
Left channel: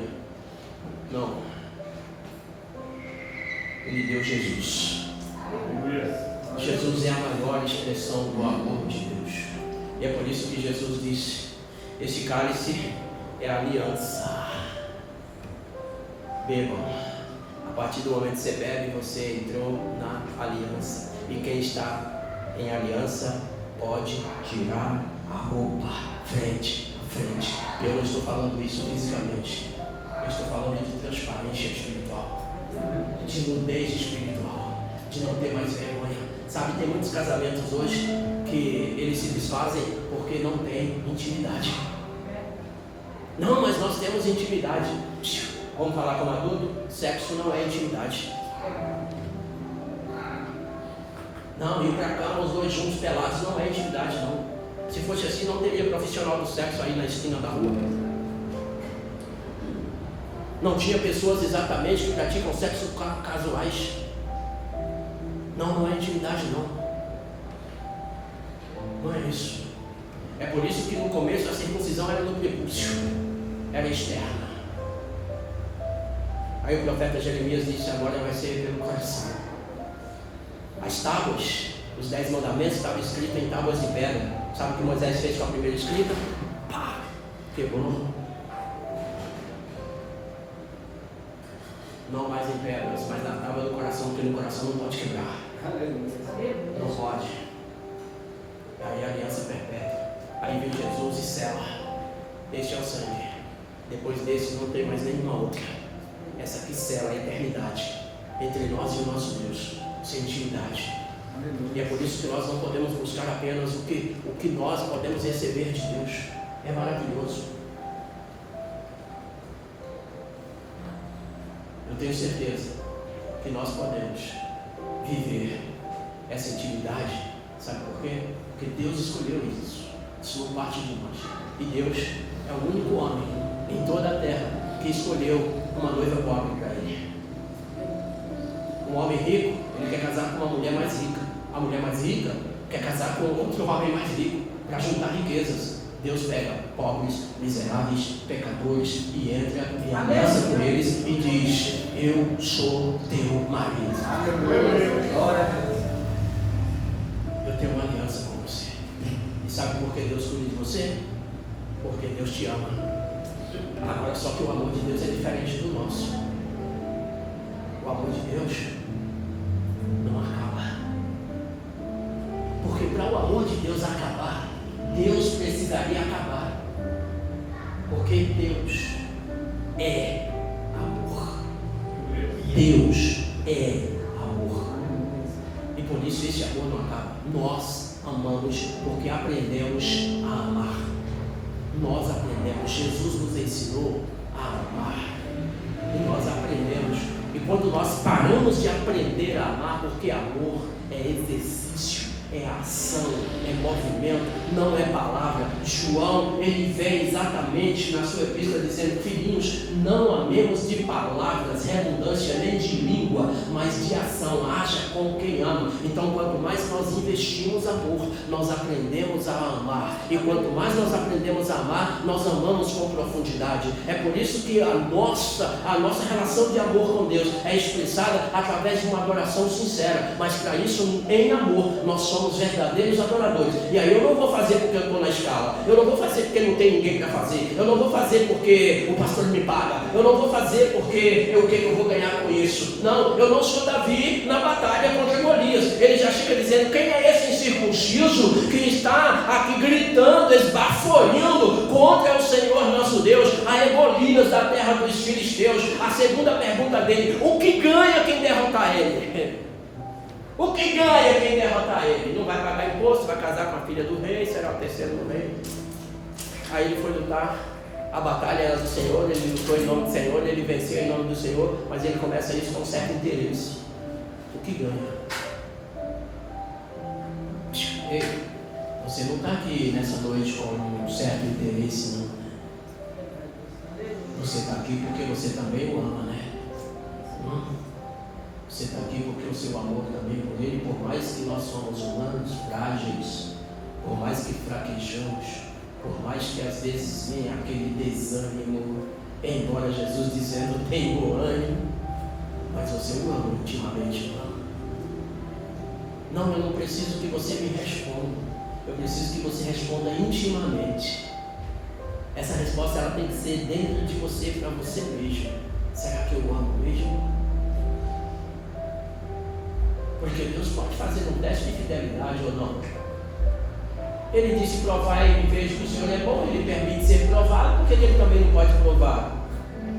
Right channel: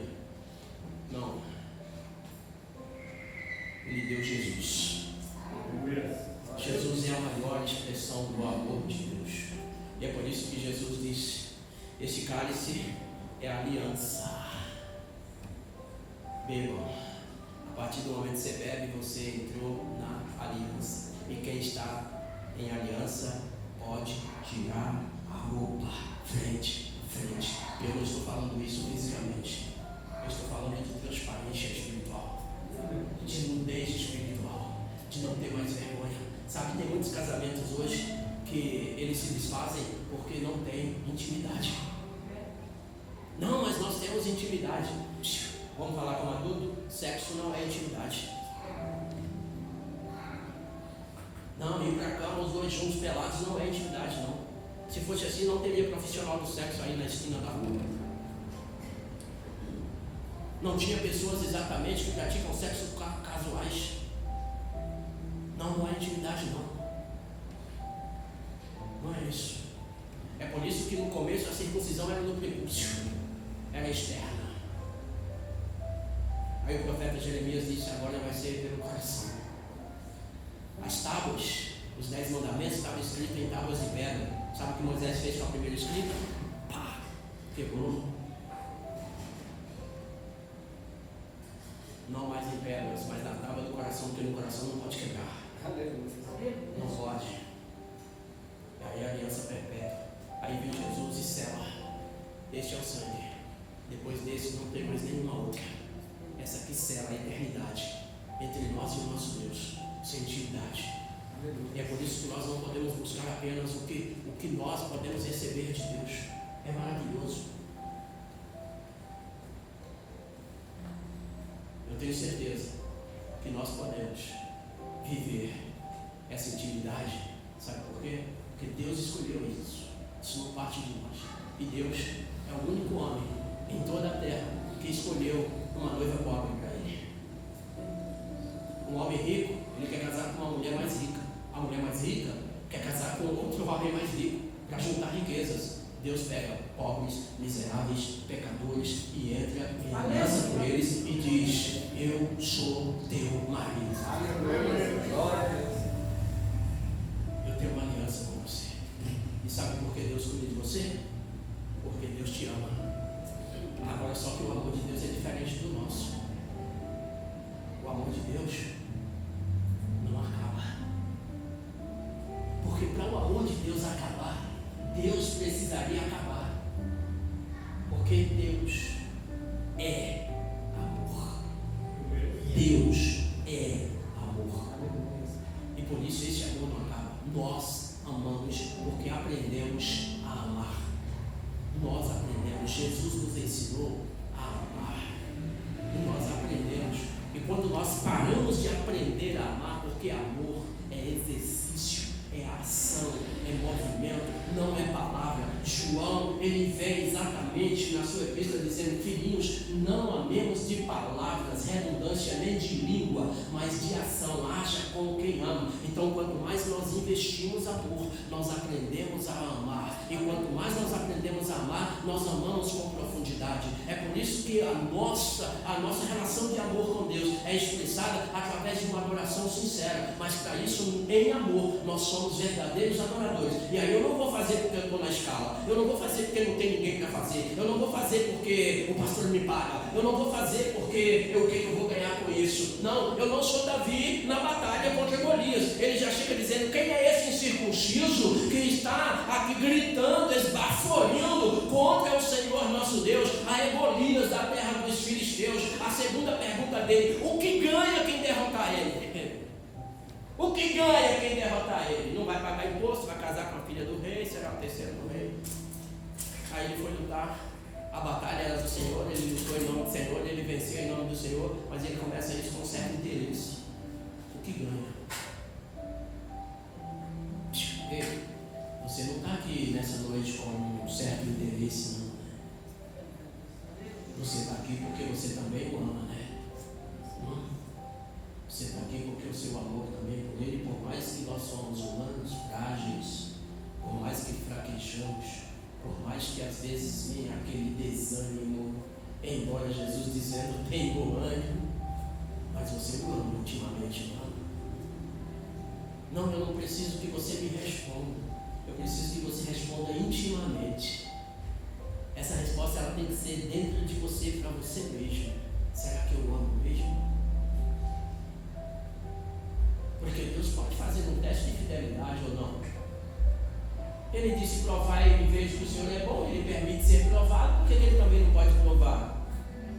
Não. Ele deu Jesus. Jesus é a maior expressão do amor de Deus. E é por isso que Jesus disse: este cálice é a aliança. Bebam. A partir do momento que você bebe, você entrou na aliança. E quem está em aliança pode tirar a roupa frente a frente. Eu não estou falando isso fisicamente. Eu estou falando de transparência espiritual, de nudez espiritual, de não ter mais vergonha. Sabe, tem muitos casamentos hoje que eles se desfazem porque não tem intimidade. Não, mas nós temos intimidade. Vamos falar como adulto? Sexo não é intimidade. Não, ir pra cama os dois juntos pelados não é intimidade, não. Se fosse assim, não teria profissional do sexo aí na esquina da rua. Não tinha pessoas exatamente que praticam sexo casuais. Não, não é intimidade, não. Não é isso. É por isso que no começo a circuncisão era no prepúcio, era externa. Aí o profeta Jeremias disse: agora vai ser pelo coração. As tábuas, os 10 mandamentos estavam escritos em tábuas de pedra. Sabe o que Moisés fez com a primeira escrita? Pá, quebrou. Não mais em pedras, mas na tábua do coração, porque no coração não pode quebrar. Não pode. Aí a aliança perpétua. Aí vem Jesus e sela. Este é o sangue. Depois desse não tem mais nenhuma outra. Essa aqui sela a eternidade entre nós e o nosso Deus, sem intimidade. E é por isso que nós não podemos buscar apenas o que nós podemos receber de Deus. É maravilhoso. Eu tenho certeza que nós podemos viver essa intimidade. Sabe por quê? Porque Deus escolheu isso. Isso não parte de nós. E Deus é o único homem em toda a terra que escolheu uma noiva pobre para ele. Um homem rico, ele quer casar com uma mulher mais rica. A mulher mais rica quer casar com outro homem mais rico para juntar riquezas. Deus pega pobres, miseráveis, pecadores e entra em aliança com eles e diz: eu sou teu marido. Eu tenho uma aliança com você. E sabe por que Deus cuida de você? Porque Deus te ama. Agora só que o amor de Deus é diferente do nosso. O amor de Deus não acaba. Porque para o amor de Deus acabar, Deus precisaria acabar. Porque Deus é amor. Deus é amor. E por isso esse amor não acaba. Nós amamos porque aprendemos a amar. Nós aprendemos. Jesus nos ensinou a amar. E nós aprendemos. E quando nós paramos de aprender a amar, porque amor é exercício, é ação, é movimento, não é palavra. João, ele vem exatamente na sua epístola dizendo: filhinhos, não amemos de palavras, redundância nem de língua, mas de ação. Haja como quem ama. Então, quanto mais nós investimos amor, nós aprendemos a amar. E quanto mais nós aprendemos a amar, nós amamos com profundidade. É por isso que a nossa relação de amor com Deus é expressada através de uma adoração sincera. Mas para isso, em amor, nós somos verdadeiros adoradores. E aí eu não vou fazer porque eu estou na escala, eu não vou fazer porque não tem ninguém para fazer, eu não vou fazer porque o pastor me paga, eu não vou fazer porque o que eu vou ganhar com isso. Não, eu não sou Davi na batalha contra Golias. Ele já chega dizendo: quem é esse incircunciso que está aqui gritando, esbaforiando contra o Senhor nosso Deus? Aí é Golias da terra dos filisteus. A segunda pergunta dele: o que ganha quem derrotar ele? O que ganha quem derrotar ele? Não vai pagar imposto, vai casar com a filha do rei, será o terceiro do rei. Aí ele foi lutar, a batalha era do Senhor, ele lutou em nome do Senhor, ele venceu em nome do Senhor, mas ele começa isso com um certo interesse. O que ganha? Ei, você não está aqui nessa noite com um certo interesse, não. Você está aqui porque você também o ama, né? Você está aqui porque o seu amor também por ele, por mais que nós somos humanos, frágeis, por mais que fraquejamos, por mais que às vezes venha aquele desânimo, embora Jesus dizendo tem bom ânimo, mas você o ama intimamente, não? Não, eu não preciso que você me responda, eu preciso que você responda intimamente. Essa resposta ela tem que ser dentro de você, para você mesmo. Será que eu amo mesmo? Porque Deus pode fazer um teste de fidelidade ou não. Ele disse: provai e veja que o Senhor é bom. Ele permite ser provado, porque ele também não pode provar.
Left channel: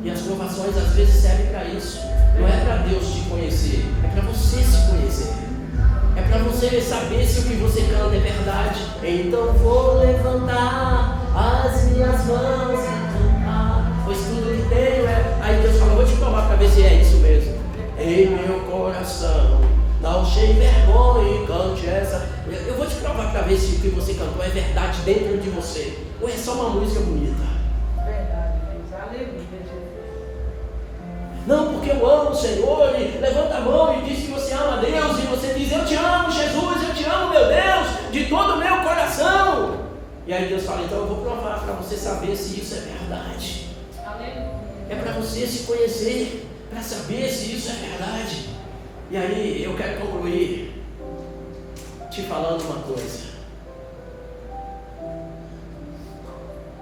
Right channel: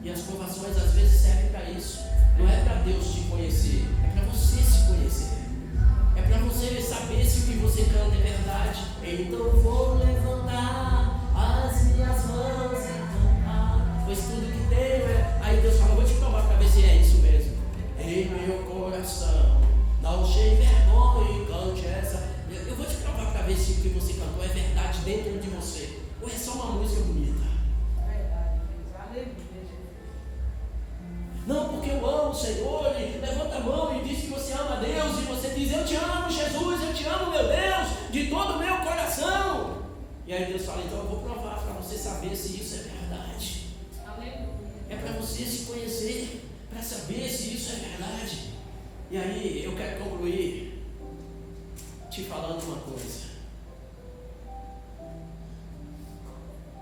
E as provações às vezes servem para isso. Não é para Deus te conhecer, é para você se conhecer. É para você saber se o que você canta é verdade. Então vou levantar as minhas mãos e cantar, pois tudo que tenho é... Aí Deus fala: vou te provar para ver se é isso mesmo. Em meu coração não cheie vergonha e cante essa. Eu vou te provar para ver se o que você cantou é verdade dentro de você, ou é só uma música bonita. Verdade, aleluia. Não, porque eu amo o Senhor, e levanta a mão e diz que você ama a Deus, e você diz: eu te amo, Jesus, eu te amo, meu Deus, de todo o meu coração. E aí Deus fala: então eu vou provar para você saber se isso é verdade. Aleluia. É para você se conhecer, para saber se isso é verdade. E aí eu quero concluir te falando uma coisa.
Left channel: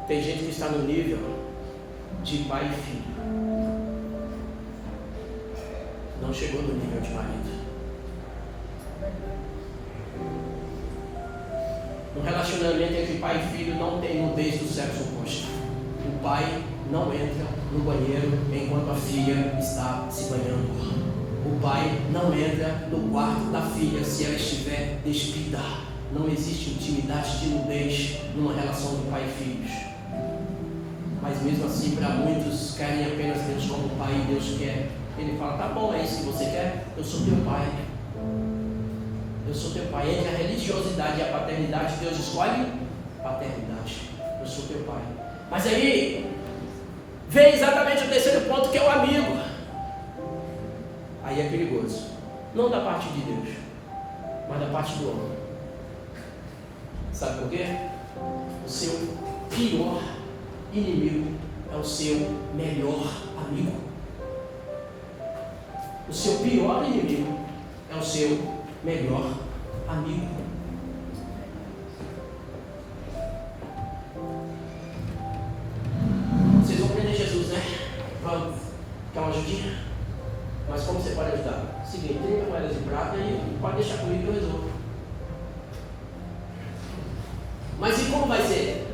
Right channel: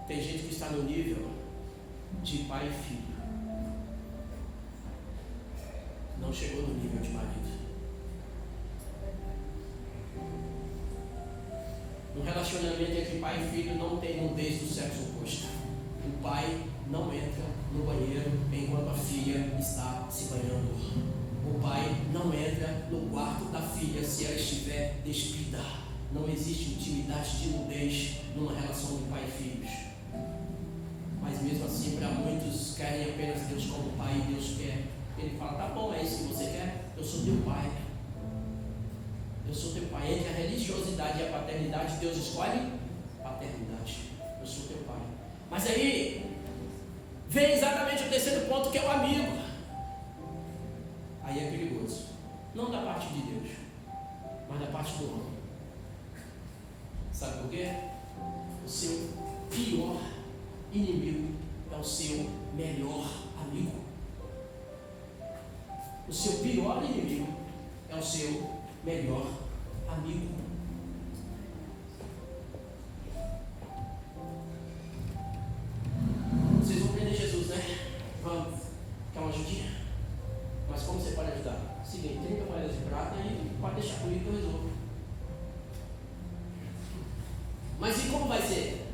Tem gente que está no nível de pai e filho, não chegou no nível de marido. No relacionamento entre pai e filho não tem nudez do sexo oposto. O pai não entra no banheiro enquanto a filha está se banhando. O pai não entra no quarto da filha se ela estiver despida. Não existe intimidade de nudez numa relação de pai e filhos. Mas mesmo assim, para muitos, querem apenas Deus como pai, e Deus quer. Ele fala: tá bom, é isso que você quer? Eu sou teu pai. Eu sou teu pai. Entre a religiosidade e a paternidade, Deus escolhe paternidade. Eu sou teu pai. Mas aí vem exatamente o terceiro ponto, que é o amigo. Aí é perigoso. Não da parte de Deus, mas da parte do homem. Sabe por quê? O seu pior inimigo é o seu melhor amigo. O seu pior inimigo é o seu melhor amigo. Vocês vão prender Jesus, né? Vamos. Quer uma ajudinha? Mas como você pode ajudar? Seguinte, 30 moedas de prata e pode deixar comigo que eu resolvo. Mas e como vai ser?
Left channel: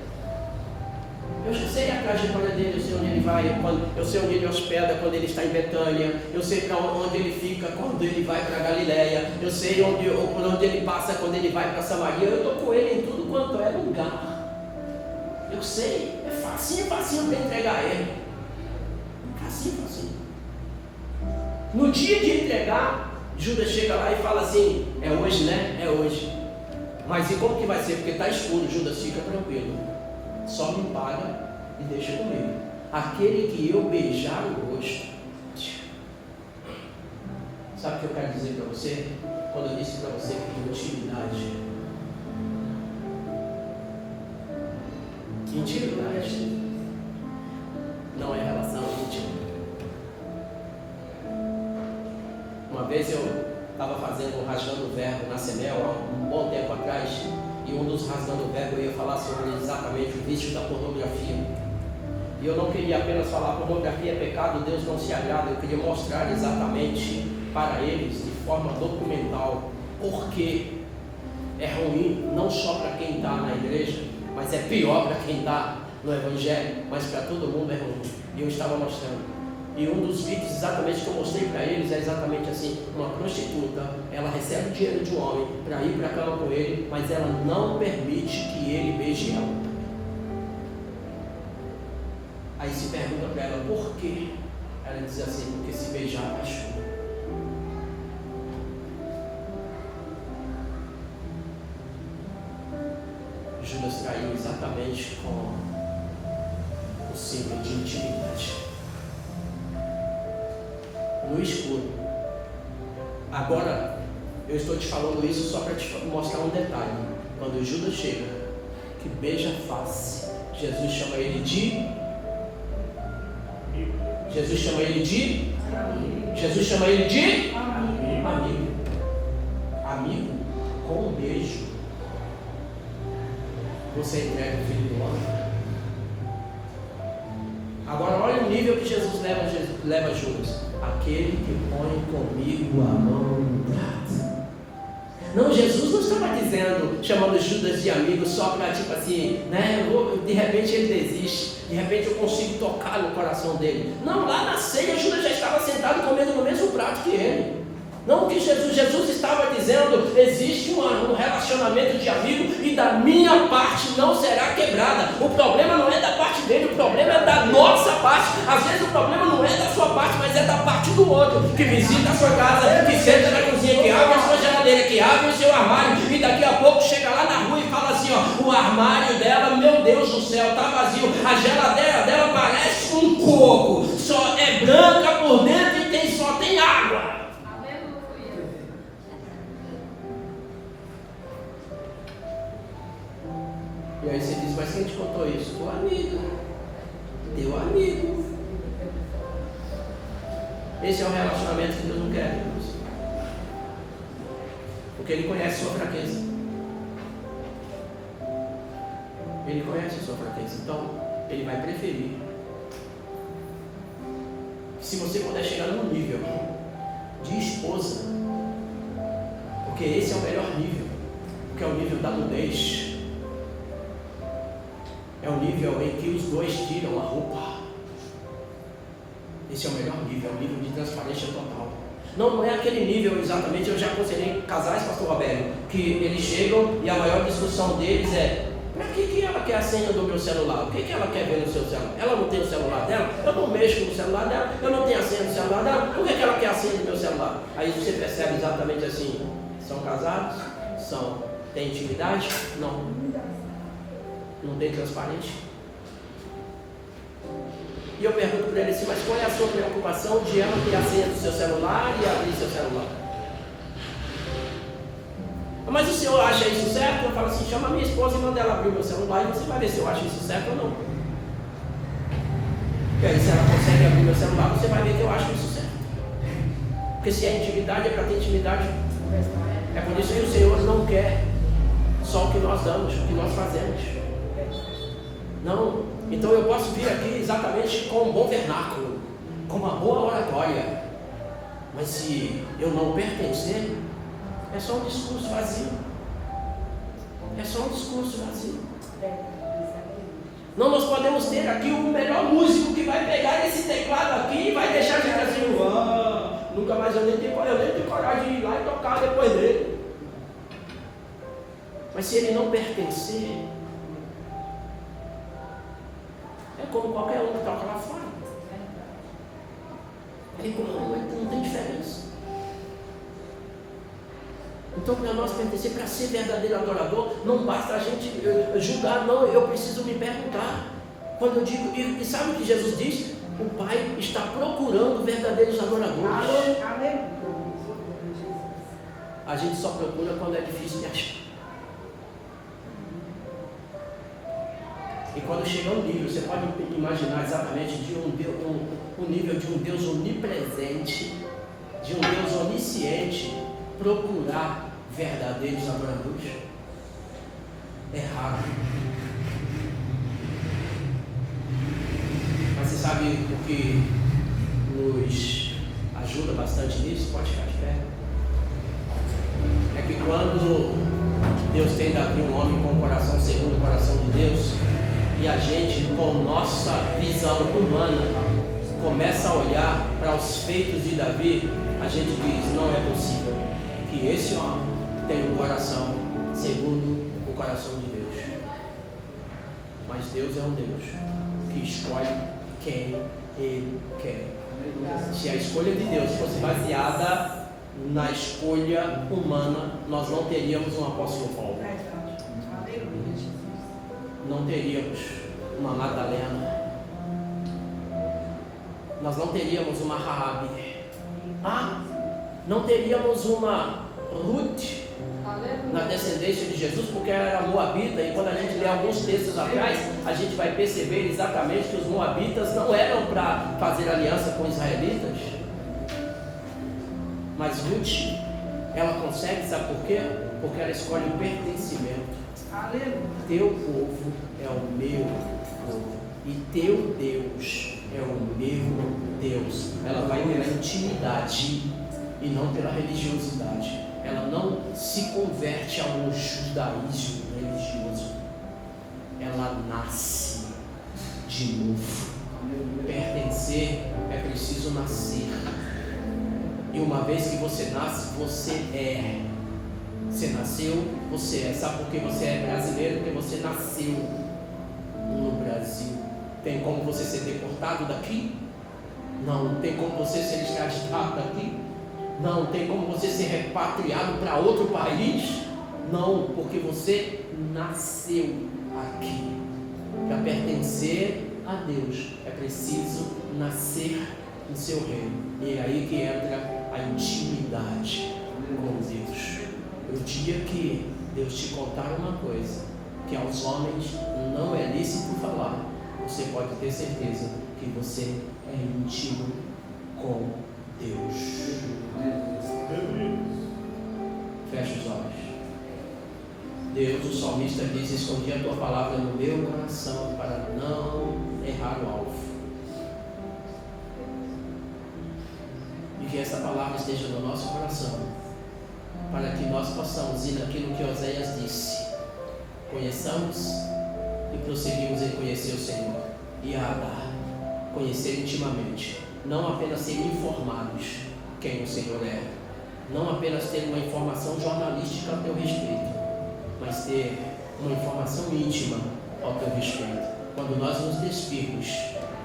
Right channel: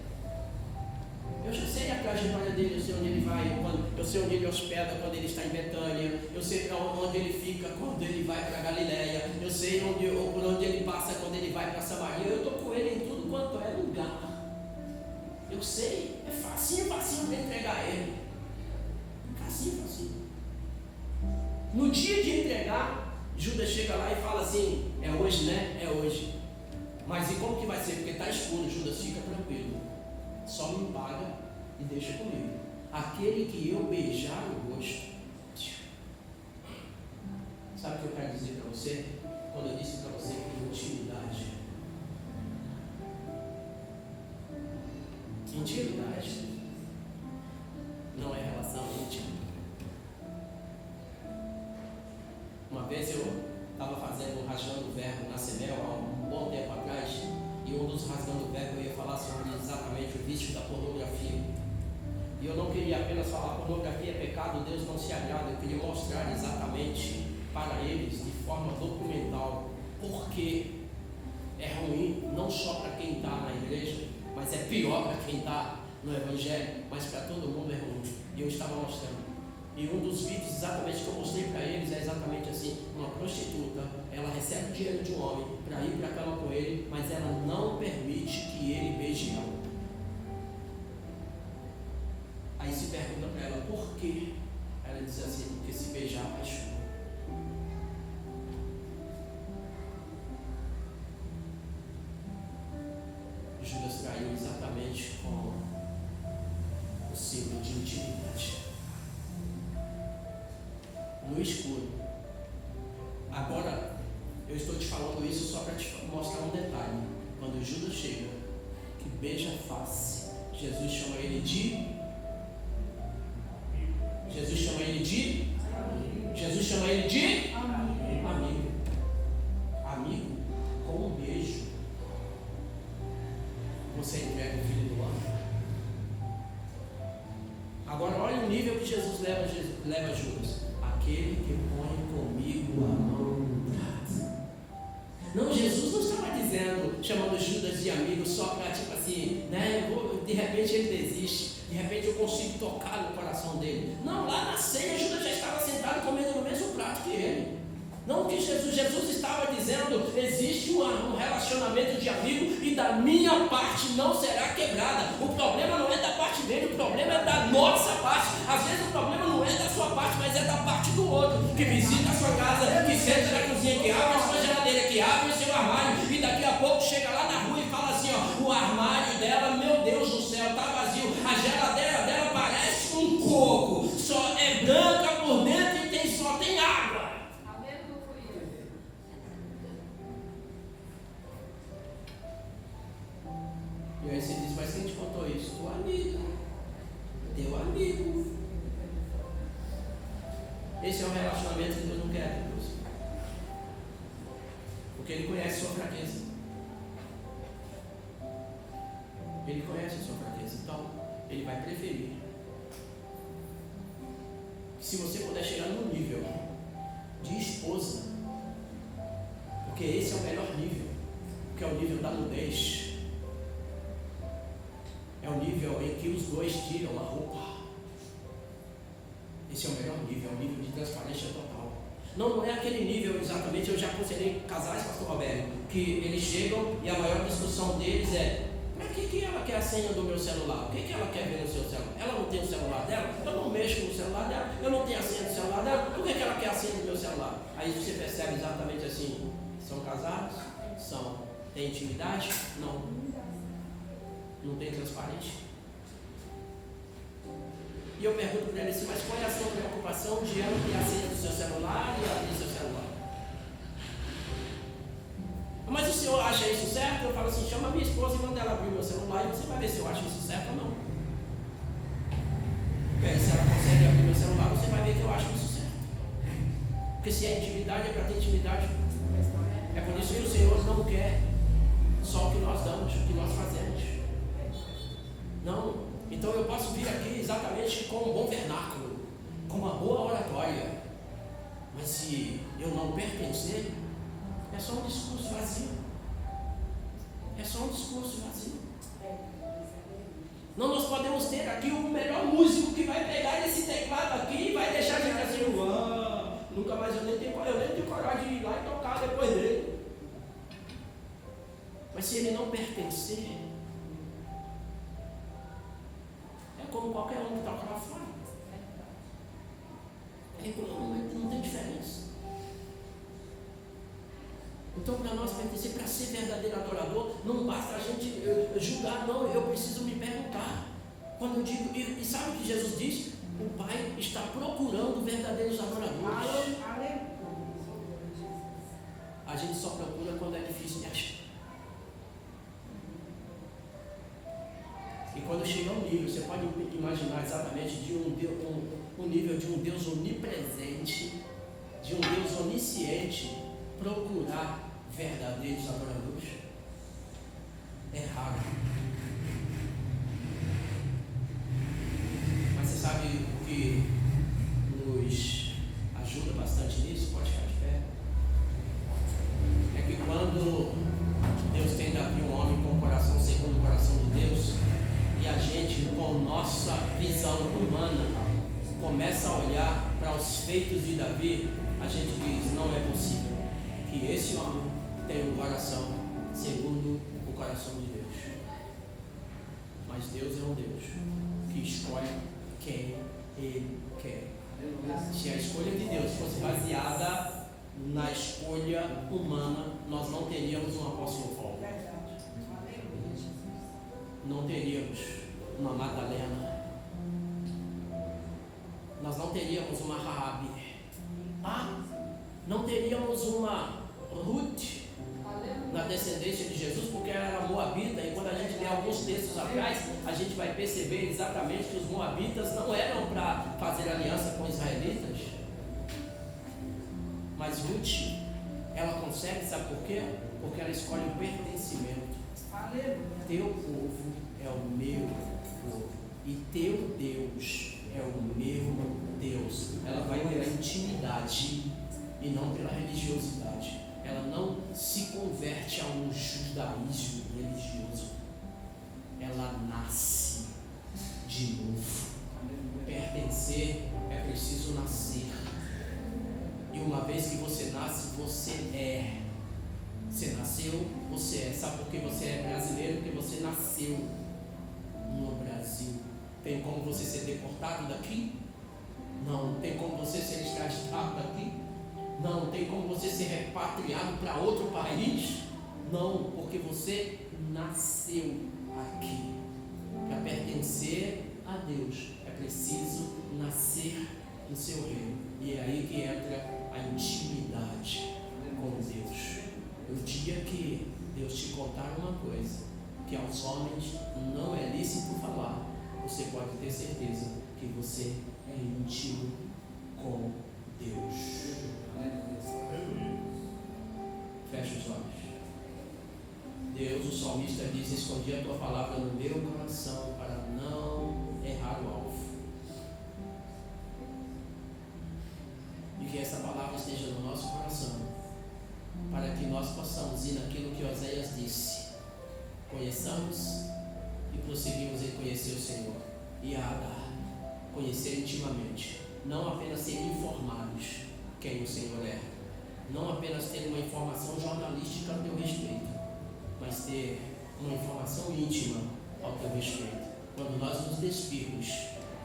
Eu já sei a trajetória dele, eu sei onde ele vai, eu sei onde ele hospeda quando ele está em Betânia, eu sei para onde ele fica quando ele vai para Galileia, eu sei por onde ele passa quando ele vai para Samaria. Eu estou com ele em tudo quanto é lugar. Eu sei, é facinho para entregar ele. Facinho. No dia de entregar, Judas chega lá e fala assim: é hoje, né? É hoje. Mas e como que vai ser? Porque está escuro. Judas, fica tranquilo, só me paga e deixa comigo. Aquele que eu beijar o rosto. Sabe o que eu quero dizer para você? Quando eu disse para você que intimidade não é relação íntima. Uma vez eu estava fazendo um Rasgando o Verbo na Semel há um bom tempo atrás, e um dos Rasgando o Verbo eu ia falar sobre exatamente o vício da pornografia. E eu não queria apenas falar pornografia é pecado, Deus não se agrada. Eu queria mostrar exatamente para eles, de forma documental, porque é ruim não só para quem está na igreja, mas é pior para quem está no Evangelho, mas para todo mundo é ruim. E eu estava mostrando. E um dos vídeos exatamente que eu mostrei para eles é exatamente assim: uma prostituta, ela recebe o dinheiro de um homem para ir para a cama com ele, mas ela não permite que ele beije ela. Aí se pergunta para ela por quê? Ela diz assim: porque se beijar apaixona. Judas traiu exatamente com o símbolo de intimidade, no escuro. Agora, eu estou te falando isso só para te mostrar um detalhe. Quando Judas chega, que beija a face, Jesus chama ele de amigo. Amigo com um beijo. Você entrega o filho do homem. Agora olha o nível que Jesus leva Judas. Aquele que põe comigo a mão no prato. Não, Jesus não estava dizendo, chamando Judas de amigo só para tipo assim, né? De repente ele desiste, de repente eu consigo tocar no coração dele. Não, lá na ceia Judas já estava sentado comendo no mesmo prato que ele. Não, o que Jesus estava dizendo, existe um relacionamento de amigo e da minha parte não será quebrada. O problema não é da parte dele, o problema é da nossa parte. Às vezes o problema não é da sua parte, mas é da parte do outro, que visita a sua casa, que senta na cozinha, que abre a sua geladeira, que abre o seu armário e daqui a pouco chega lá na rua e fala assim, ó, o armário dela, meu Deus do céu, está vazio, a geladeira dela parece um coco, só é branca por dentro e só tem água. E aí você diz, mas quem te contou isso? Teu amigo. Esse é o relacionamento que Deus não quer, irmãos. Porque Ele conhece a sua fraqueza. Ele conhece a sua fraqueza. Então, Ele vai preferir. Se você puder chegar no nível de esposa, porque esse é o melhor nível, que é o nível da nudez. É o nível em que os dois tiram a roupa. Esse é o melhor nível, é o nível de transparência total. Não é aquele nível exatamente, eu já aconselhei casais, pastor Roberto, que eles chegam e a maior discussão deles é: para que ela quer a senha do meu celular? O que ela quer ver no seu celular? Ela não tem o celular dela? Eu não mexo no celular dela, eu não tenho a senha do celular dela, por que ela quer a senha do meu celular? Aí você percebe exatamente assim: são casados? São. Tem intimidade? Não. Não tem transparente? E eu pergunto para ele assim, mas qual é a sua preocupação de ela ter a senha do seu celular e abrir seu celular? Mas o senhor acha isso certo? Eu falo assim, chama minha esposa e manda ela abrir o meu celular e você vai ver se eu acho isso certo ou não. E aí se ela consegue abrir meu celular, você vai ver que eu acho isso certo. Porque se é intimidade, é para ter intimidade. É por isso que o Senhor não quer só o que nós damos, o que nós fazemos. Não, então eu posso vir aqui exatamente com um bom vernáculo, com uma boa oratória, mas se eu não pertencer, é só um discurso vazio. É só um discurso vazio. Não, nós podemos ter aqui o melhor músico que vai pegar esse teclado aqui e vai deixar a gente assim, nunca mais eu nem tenho coragem de ir lá e tocar depois dele. Mas se ele não pertencer, é como qualquer um que toca lá fora. Ele não tem diferença. Então, para nós pertencer, para ser verdadeiro adorador, não basta a gente julgar, não, eu preciso me perguntar. Quando eu digo, e sabe o que Jesus diz? O Pai está procurando verdadeiros adoradores. A gente só procura quando é difícil de achar. E quando chega um nível, você pode imaginar exatamente de um nível de um Deus onipresente, de um Deus onisciente, procurar verdadeiros adoradores. É raro. Mas você sabe o que nos ajuda bastante nisso? Pode ficar de pé. É que quando Deus tenta abrir um homem com o coração segundo o coração de Deus, e a gente, com nossa visão humana, começa a olhar para os feitos de Davi, a gente diz: não é possível que esse homem tenha um coração segundo o coração de Deus. Mas Deus é um Deus que escolhe quem Ele quer. Se a escolha de Deus fosse baseada na escolha humana, nós não teríamos um apóstolo Paulo, não teríamos uma Madalena, nós não teríamos uma Raabe, não teríamos uma Ruth na descendência de Jesus, porque ela era moabita. E quando a gente lê alguns textos atrás, a gente vai perceber exatamente que os moabitas não eram para fazer aliança com israelitas. Mas Ruth, ela consegue, sabe por quê? Porque ela escolhe o pertencimento. Teu povo é o meu povo, e teu Deus é o meu Deus. Ela vai pela intimidade e não pela religiosidade. Ela não se converte a um judaísmo religioso. Ela nasce de novo. Pertencer é preciso nascer. E uma vez que você nasce, você é. Você nasceu, você é. Sabe por que você é brasileiro? Porque você nasceu no Brasil. Tem como você ser deportado daqui? Não. Tem como você ser extraditado daqui? Não. Tem como você ser repatriado para outro país? Não, porque você nasceu aqui. Para pertencer a Deus é preciso nascer no seu reino. E é aí que entra a intimidade com Deus. O dia que Deus te contar uma coisa que aos homens não é lícito falar, você pode ter certeza que você é íntimo com Deus. Fecha os olhos. Deus, o salmista diz: escondi a tua palavra no meu coração para não errar o alvo. E que essa palavra esteja no nosso coração, para que nós possamos ir naquilo que Oséias disse: conheçamos e prosseguimos em conhecer o Senhor. E conhecer intimamente, não apenas ser informados quem o Senhor é, não apenas ter uma informação jornalística a teu respeito, mas ter uma informação íntima ao teu respeito. Quando nós nos despirmos,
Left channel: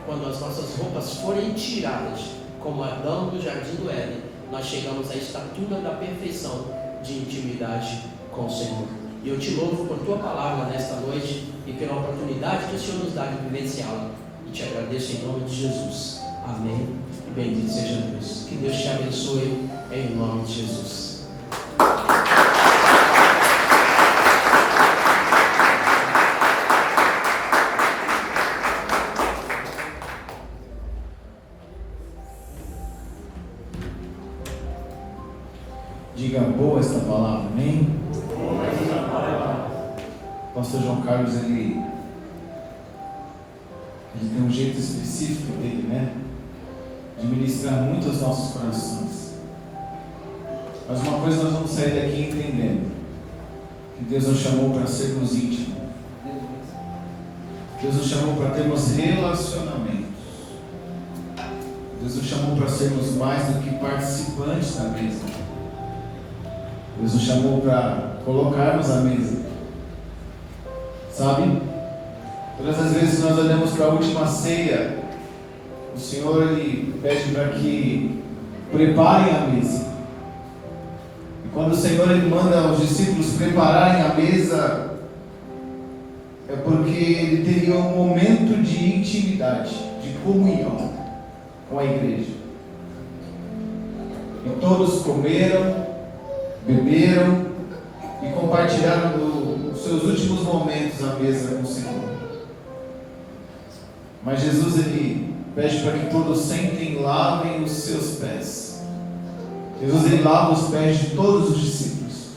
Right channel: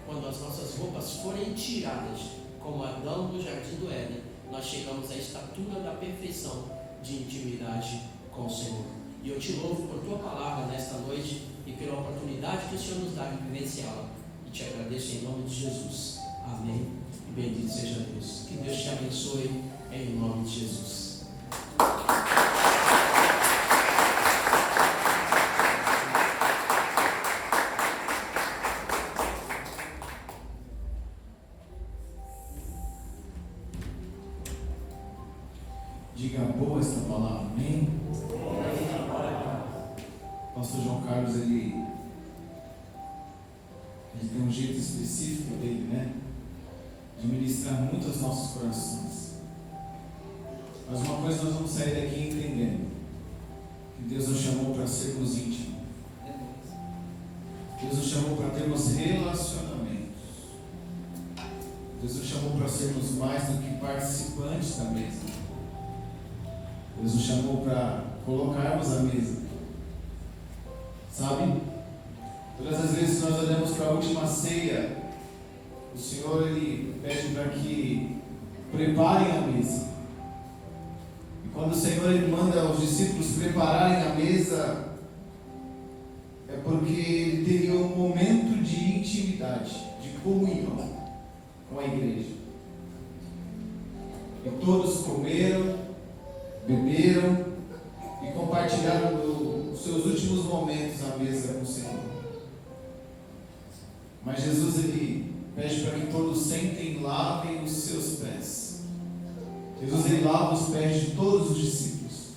quando as nossas roupas forem tiradas, como Adão do jardim do Éden, nós chegamos à estatura da perfeição de intimidade com o Senhor. E eu te louvo por tua palavra nesta noite e pela oportunidade que o Senhor nos dá de vivenciá-la. E te agradeço em nome de Jesus. Amém. E bendito seja Deus. Que Deus te abençoe em nome de Jesus. Diga boa esta palavra, amém? O pastor João Carlos, ele tem um jeito específico dele, né? De ministrar muito aos nossos corações. Mas uma coisa nós vamos sair daqui entendendo: que Deus nos chamou para sermos íntimos. Deus nos chamou para termos relacionamentos. Deus nos chamou para sermos mais do que participantes da mesa. Deus nos chamou para colocarmos a mesa. Sabe? Todas as vezes que nós olhamos para a última ceia, o Senhor ele pede para que preparem a mesa. E quando o Senhor ele manda os discípulos prepararem a mesa, é porque ele teria um momento de intimidade, de comunhão com a igreja. E todos comeram, beberam e compartilharam dos seus últimos momentos à mesa com o Senhor. Mas Jesus ele pede para que todos sentem e lavem os seus pés. Jesus ele lava os pés de todos os discípulos.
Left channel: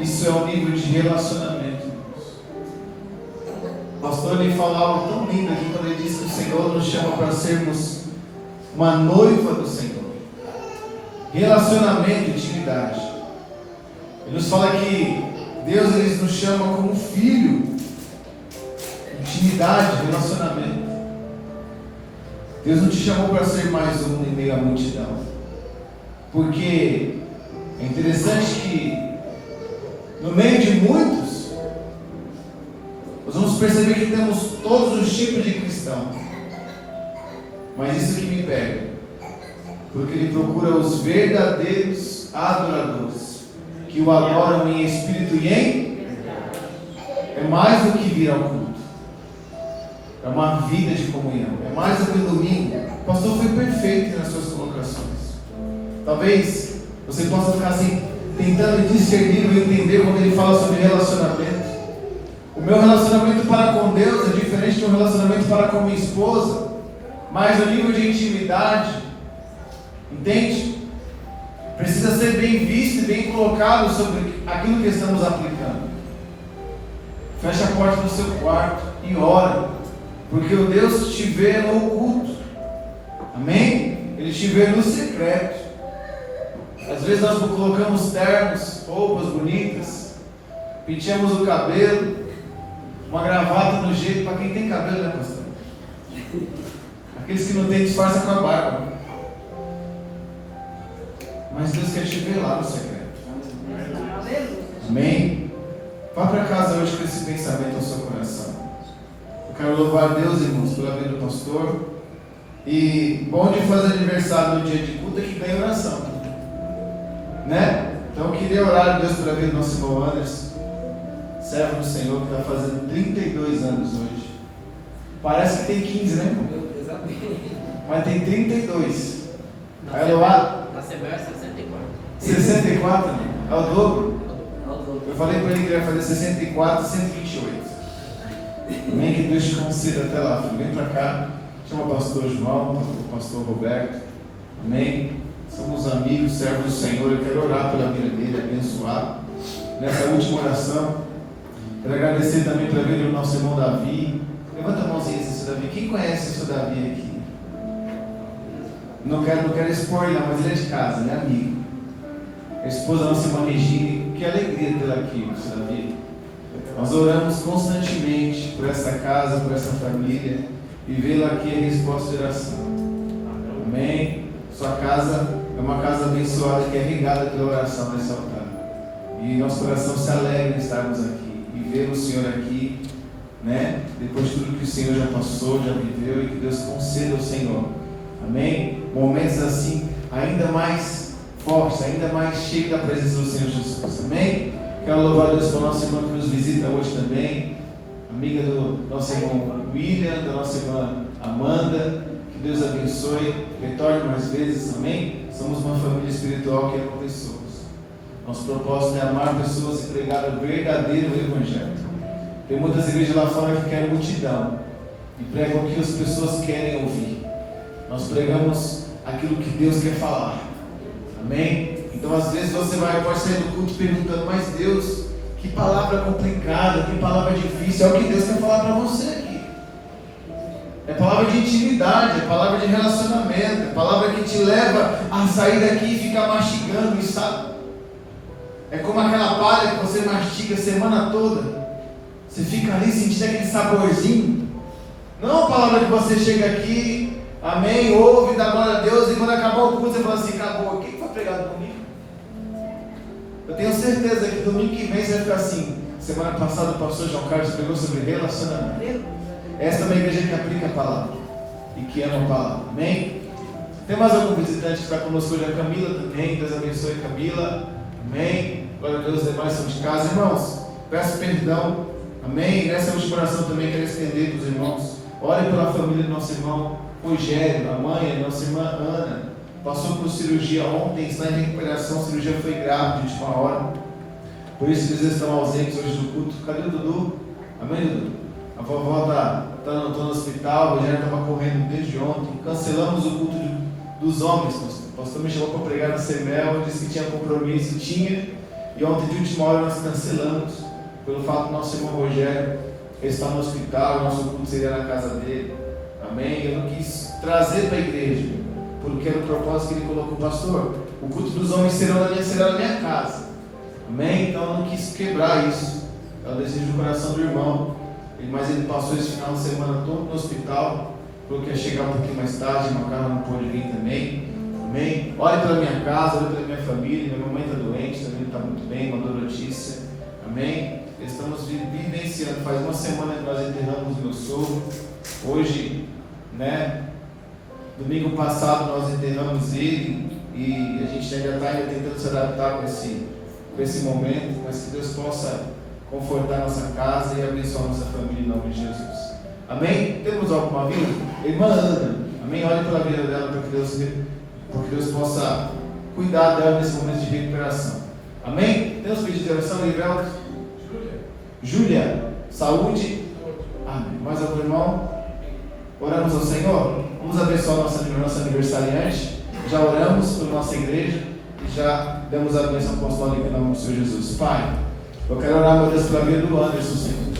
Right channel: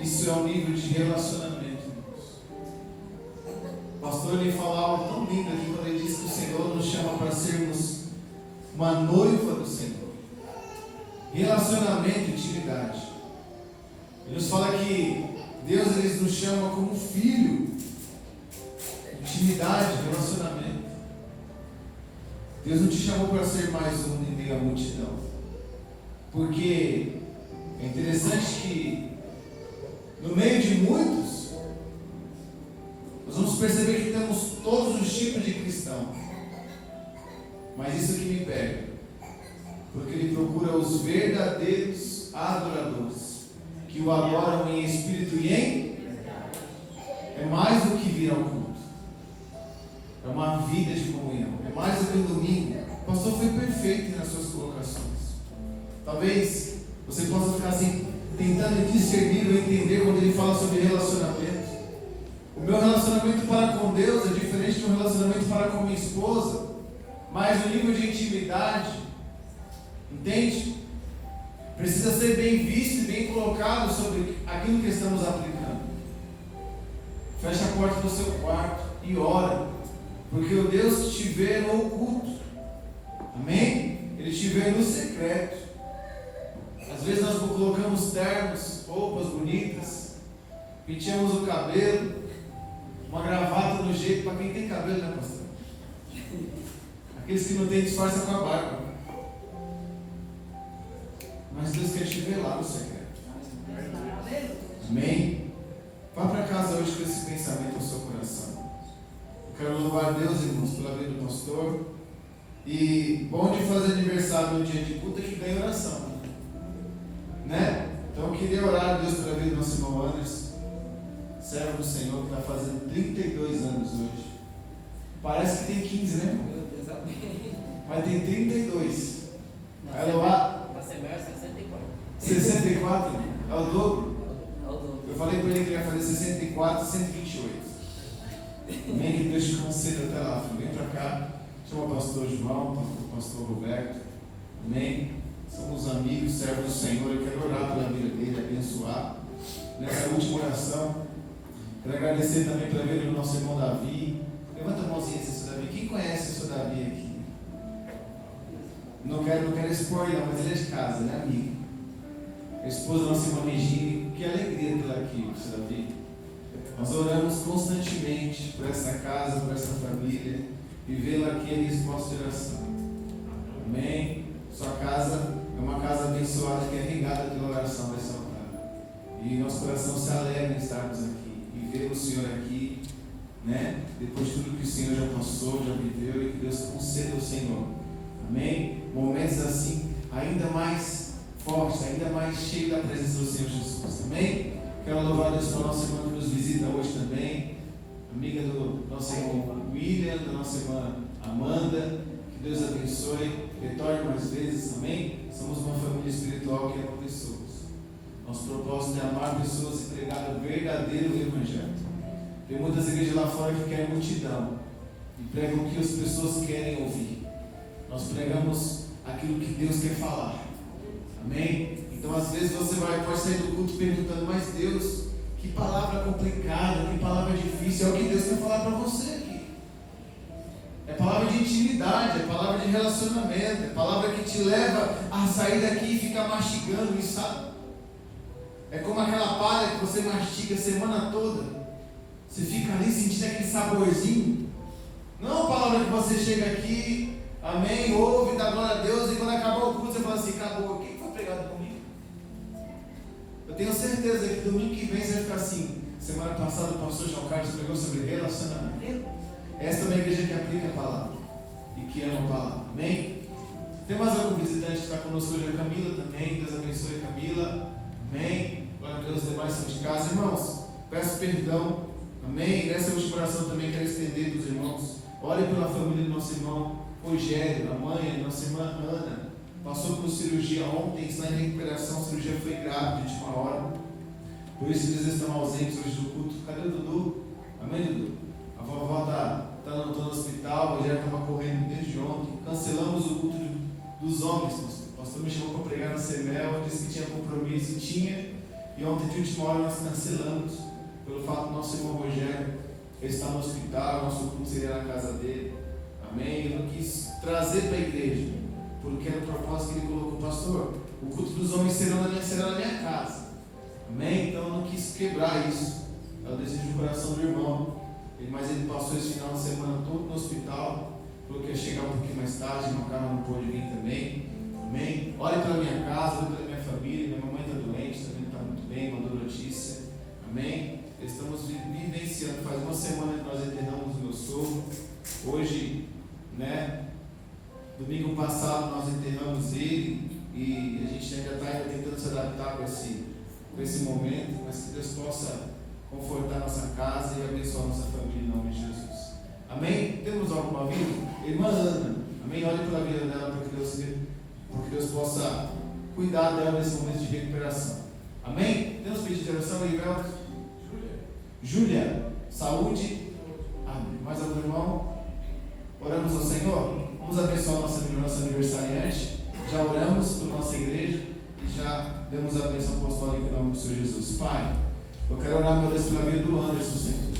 Isso é um nível de relacionamento. O pastor ele falava tão lindo aqui quando ele disse que o Senhor nos chama para sermos uma noiva do Senhor. Relacionamento, intimidade. Ele nos fala que Deus ele nos chama como filho. Ele Intimidade, relacionamento. Deus não te chamou para ser mais um em meio à multidão. Porque é interessante que no meio de muitos, nós vamos perceber que temos todos os tipos de cristão. Mas isso que me pega, porque Ele procura os verdadeiros adoradores, que o adoram em espírito e em... É mais do que vir ao culto. É uma vida de comunhão. É mais do que o domingo. O pastor foi perfeito nas suas colocações. Talvez você possa ficar assim, tentando discernir ou entender quando ele fala sobre relacionamento. O meu relacionamento para com Deus é diferente do relacionamento para com minha esposa. Mas o nível de intimidade, entende? Precisa ser bem visto e bem colocado sobre aquilo que estamos aplicando. Fecha a porta do seu quarto e ora, porque o Deus te vê no oculto. Amém? Ele te vê no secreto. Às vezes nós colocamos ternos, roupas bonitas, penteamos o cabelo, uma gravata no jeito, para quem tem cabelo, né, pastor? Aqueles que não têm, disfarça com a barba. Mas Deus quer te ver lá no secreto. Amém? Vá para casa hoje com esse pensamento ao seu coração. Eu quero louvar a Deus, irmãos, pela vida do pastor. E bom de fazer aniversário no dia de culto é que ganha oração, né? Então eu queria orar a Deus pela vida do nosso irmão Anderson, servo do Senhor, que está fazendo 32 anos hoje. Parece que tem 15, né, irmão? Mas tem 32. Aí Eloá, Na Assembleia é 64. 64, é o dobro. Eu falei para ele que ele ia fazer 64 e 128. Amém? Que Deus te conceda até lá, filho. Vem para cá, chama o pastor João, o pastor Roberto. Amém? Somos amigos, servos do Senhor. Eu quero orar pela vida dele, abençoar. Nessa última oração, quero agradecer também pela vida do nosso irmão Davi. Levanta a mãozinha, seu Davi. Quem conhece o seu Davi aqui? Não quero expor ele, mas ele é de casa, ele é amigo. A esposa da nossa irmã Regina, que alegria tê-la aqui, seu Davi. Nós oramos constantemente por essa casa, por essa família, e vê-la aqui em resposta de oração. Amém? Sua casa é uma casa abençoada que é regada pela oração desse altar. E nosso coração se alegra em estarmos aqui e ver o Senhor aqui, né? Depois de tudo que o Senhor já passou, já viveu, e que Deus conceda ao Senhor. Amém? Momentos assim, ainda mais fortes, ainda mais cheios da presença do Senhor Jesus. Amém? Quero louvar a Deus pela nossa irmã que nos visita hoje também, amiga do nosso irmão William, da nossa irmã Amanda. Que Deus abençoe, retorne mais vezes. Amém? Somos uma família espiritual que ama pessoas. Nosso propósito é amar pessoas e pregar o verdadeiro Evangelho. Tem muitas igrejas lá fora que querem multidão e pregam o que as pessoas querem ouvir. Nós pregamos aquilo que Deus quer falar. Amém? Então às vezes você pode sair do culto perguntando: mas Deus, que palavra complicada, que palavra difícil. É o que Deus quer falar para você aqui. É palavra de intimidade, é palavra de relacionamento, é palavra que te leva a sair daqui e ficar mastigando, e sabe? É como aquela palha que você mastiga a semana toda. Você fica ali sentindo aquele saborzinho. Não a palavra que você chega aqui, amém, ouve, dá glória a Deus, e quando acabar o culto você fala assim: acabou, quem foi pregado domingo? Eu tenho certeza que domingo que vem você vai ficar assim: semana passada o pastor João Carlos pregou sobre relacionamento. Esta é uma igreja que aplica a palavra e que ama a palavra. Amém? Tem mais algum visitante que está conosco hoje? A Camila também. Deus abençoe a Camila. Amém? Glória a Deus, os demais são de casa. Irmãos, peço perdão. Amém? Nessa última oração também quero estender para os irmãos. Ore pela família do nosso irmão Rogério, a mãe, a nossa irmã Ana. Passou por cirurgia ontem, está em recuperação. A cirurgia foi grave de última hora. Por isso eles estão ausentes hoje do culto. Cadê o Dudu? Amém, Dudu? A vovó está no hospital, o Rogério estava correndo desde ontem. Cancelamos o culto dos homens, pastor. O pastor me chamou para pregar na Semel, disse que tinha compromisso, tinha. E ontem de última hora nós cancelamos, pelo fato do nosso irmão Rogério estar no hospital, o nosso culto seria na casa dele. Amém? Eu não quis trazer para a igreja, porque era o propósito que ele colocou, pastor. O culto dos homens será na minha casa. Amém? Então eu não quis quebrar isso. É o desejo do coração do irmão. mas ele passou esse final de semana todo no hospital, falou que ia chegar um pouquinho mais tarde, uma cara não pôde vir também. Amém? Ore pela minha casa, ore pela minha família. Minha mamãe está doente, também está muito bem, mandou notícia. Amém? Estamos vivenciando, faz uma semana que nós enterramos meu sogro. Hoje, né? Domingo passado nós enterramos ele e a gente ainda está tentando se adaptar com esse momento, mas que Deus possa confortar nossa casa e abençoar nossa família em nome de Jesus. Amém? Temos alguma vida? Irmã Ana, amém? Olhe pela vida dela para que Deus possa cuidar dela nesse momento de recuperação. Amém? Temos pedido de oração, Livelto? Júlia, saúde. Amém. Mais algum irmão? Oramos ao Senhor? Vamos abençoar nossa aniversariante. Já oramos pela nossa igreja e já demos a bênção apostólica em nome do Senhor Jesus. Pai, eu quero orar, meu Deus, pela vida do Anderson, Senhor.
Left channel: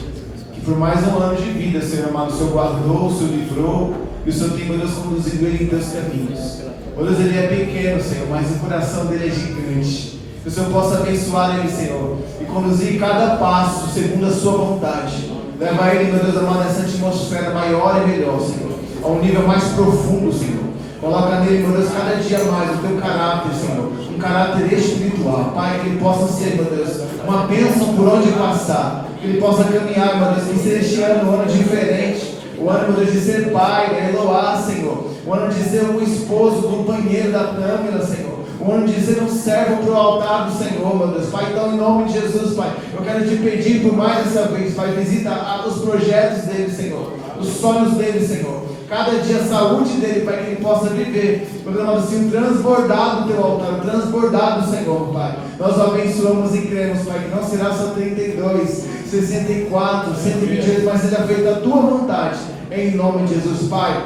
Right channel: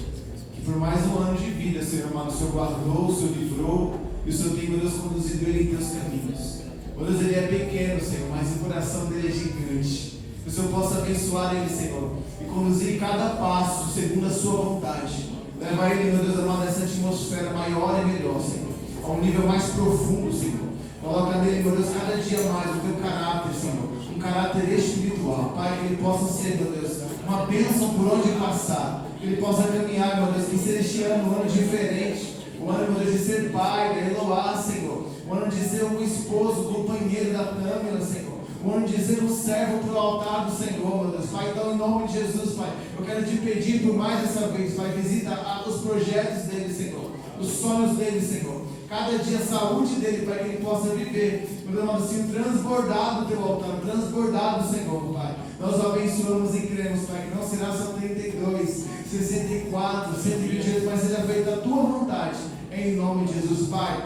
Que por mais um ano de vida, Senhor amado, o Senhor guardou, o Senhor livrou e o Senhor tem, meu Deus, conduzido ele em teus caminhos. Meu Deus, ele é pequeno, Senhor, mas o coração dele é gigante. Que o Senhor possa abençoar ele, Senhor, e conduzir cada passo segundo a sua vontade. Leva ele, meu Deus amado, nessa atmosfera maior e melhor, Senhor, a um nível mais profundo, Senhor. Coloca nele, meu Deus, cada dia mais o teu caráter, Senhor, um caráter espiritual. Pai, que ele possa ser, meu Deus, uma bênção por onde passar. Que ele possa caminhar, meu Deus, que seja este ano um ano diferente. O ano, meu Deus, de ser pai, da Eloá, Senhor. O ano de ser um esposo, companheiro da Tâmara, Senhor. O ano de ser um servo para o altar do Senhor, meu Deus. Pai, então, em nome de Jesus, Pai, eu quero te pedir por mais essa vez, Pai, visita os projetos dele, Senhor. Os sonhos dele, Senhor. Cada dia a saúde dele, Pai, que ele possa viver, programa assim, transbordado do teu altar, transbordado, Senhor, Pai. Nós o abençoamos e cremos, Pai, que não será só 32, 64, 128, mas seja feita a tua vontade, em nome de Jesus, Pai.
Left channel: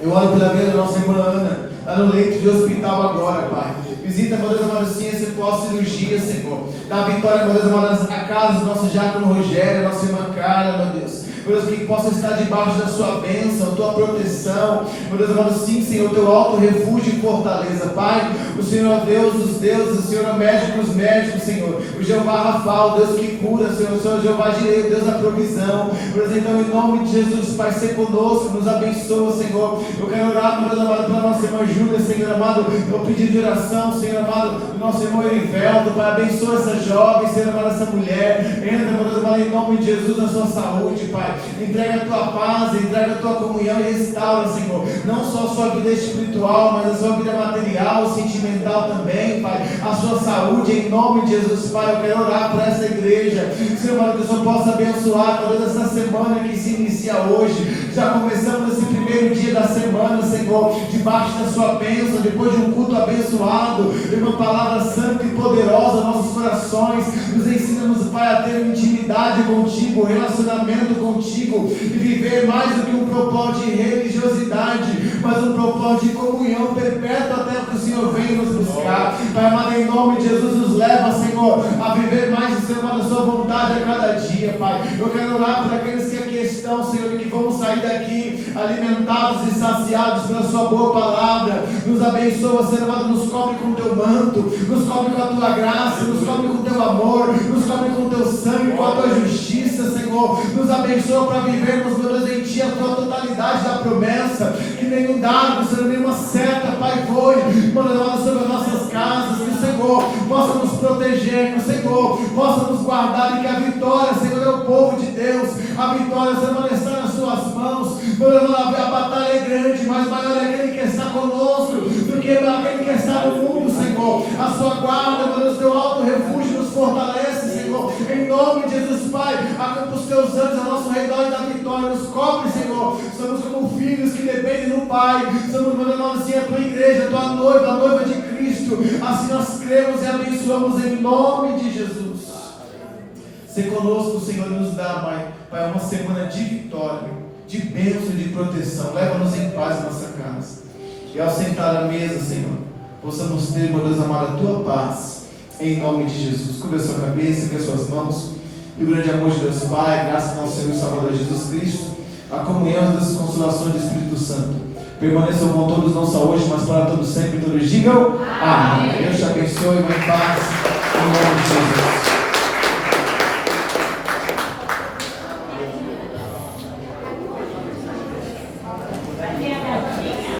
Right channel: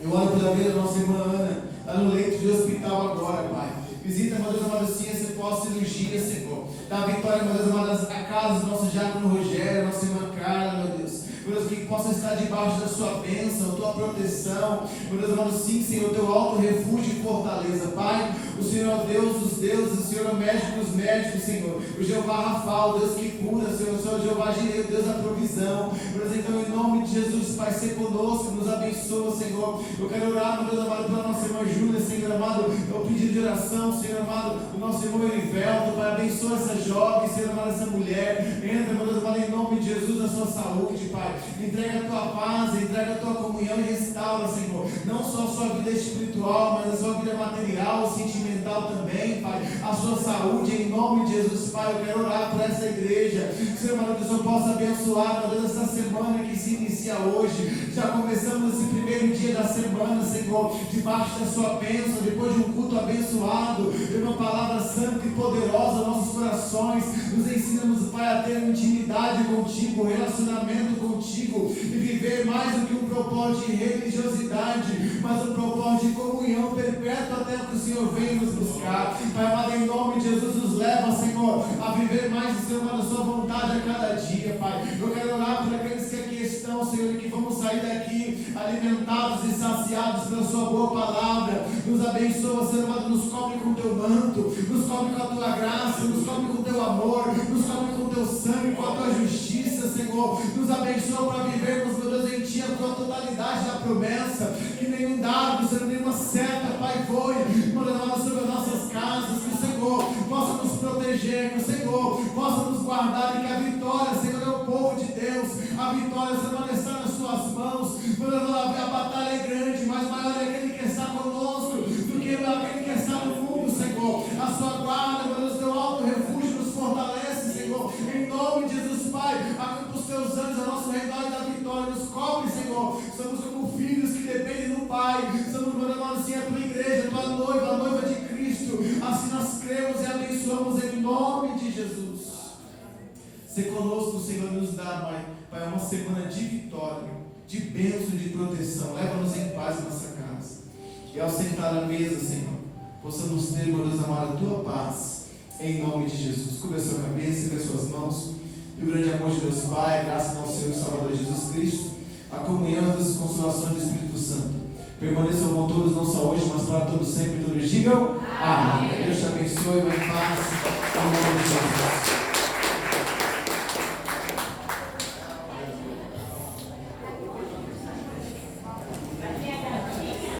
Eu oro pela vida da nossa irmã Ana, está no leito de hospital agora, Pai. Visita, meu Deus amado, sim, esse pós-cirurgia, Senhor. Dá vitória, meu Deus amado, a casa do nosso diácono Rogério, a nossa irmã Carla, meu Deus. Meu Deus, que possa estar debaixo da sua bênção, tua proteção. Meu Deus amado, sim, Senhor, teu alto refúgio e fortaleza. Pai, o Senhor é Deus dos deuses, o Senhor é médico dos médicos, Senhor. O Jeová Rafa, o Deus que cura, Senhor. O Senhor Jeová Jireh, o Deus da provisão. Meu Deus, então, em nome de Jesus, Pai, ser conosco, nos abençoa, Senhor. Eu quero orar, meu Deus amado, pela nossa irmã Júlia, Senhor amado. Eu pedi de oração, Senhor amado, do nosso irmão Erivelto, Pai, abençoa essa jovem, Senhor amado, essa mulher. Entra, meu Deus amado, em nome de Jesus, na sua saúde, Pai. Entrega a tua paz, entrega a tua comunhão e restaura, Senhor, não só a sua vida espiritual, mas a sua vida material, sentimental também, Pai, a sua saúde, em nome de Jesus, Pai. Eu quero orar por essa igreja, Senhor, que o Senhor possa abençoar toda essa semana que se inicia hoje. Já começamos esse primeiro dia da semana, Senhor, debaixo da sua bênção, depois de um culto abençoado, e uma palavra santa e poderosa, nossos corações, nos ensina-nos, Pai, a ter intimidade contigo, relacionamento contigo, e viver mais do que um propósito de religiosidade, mas um propósito de comunhão perpétua até que o Senhor venha nos buscar. Pai amado, em nome de Jesus, nos leva, Senhor, a viver mais, Senhor, a sua vontade a cada dia, Pai. Eu quero orar por aqueles que aqui estão, Senhor, e que vão sair daqui alimentados e saciados pela sua boa palavra. Nos abençoa, Senhor amado, nos cobre com o teu manto, nos cobre com a tua graça, nos cobre com o teu amor, nos cobre com o teu sangue, com a tua justiça, Senhor. Nos abençoa para vivermos, meu Deus, em ti a tua totalidade da promessa, que nenhum dardo, Senhor, nenhuma seta, Pai, foi, mano, sobre as nossas casas, que o Senhor possa nos proteger, que o Senhor possa nos guardar, e que a vitória, Senhor, é o povo de Deus. A vitória, Senhor, está nas suas mãos. Meu Deus, a batalha é grande, mas maior é aquele que está conosco do que aquele que está no mundo, Senhor. A sua guarda, meu Deus, teu alto refúgio nos fortalece, Senhor. Em nome de Jesus, Pai, acampa os teus anjos ao nosso redor e da vitória. Nos cobre, Senhor. Somos como filhos que dependem do Pai. Somos, meu Deus, assim, a tua igreja, a tua noiva, a noiva de Cristo. Assim nós cremos e abençoamos em nome de Jesus. Se conosco, Senhor, e nos dá, Pai, uma semana de vitória, de bênção e de proteção. Leva-nos em paz à nossa casa. E ao sentar à mesa, Senhor, possamos ter, meu Deus amado, a tua paz. Em nome de Jesus. Cubra a sua cabeça, as suas mãos. E o grande amor de Deus Pai, graças ao Senhor e Salvador Jesus Cristo, a comunhão das consolações do Espírito Santo, permaneçam com todos, não só hoje, mas para todos sempre. Todos digam amém. Deus te abençoe, vai em paz. Em nome de Jesus.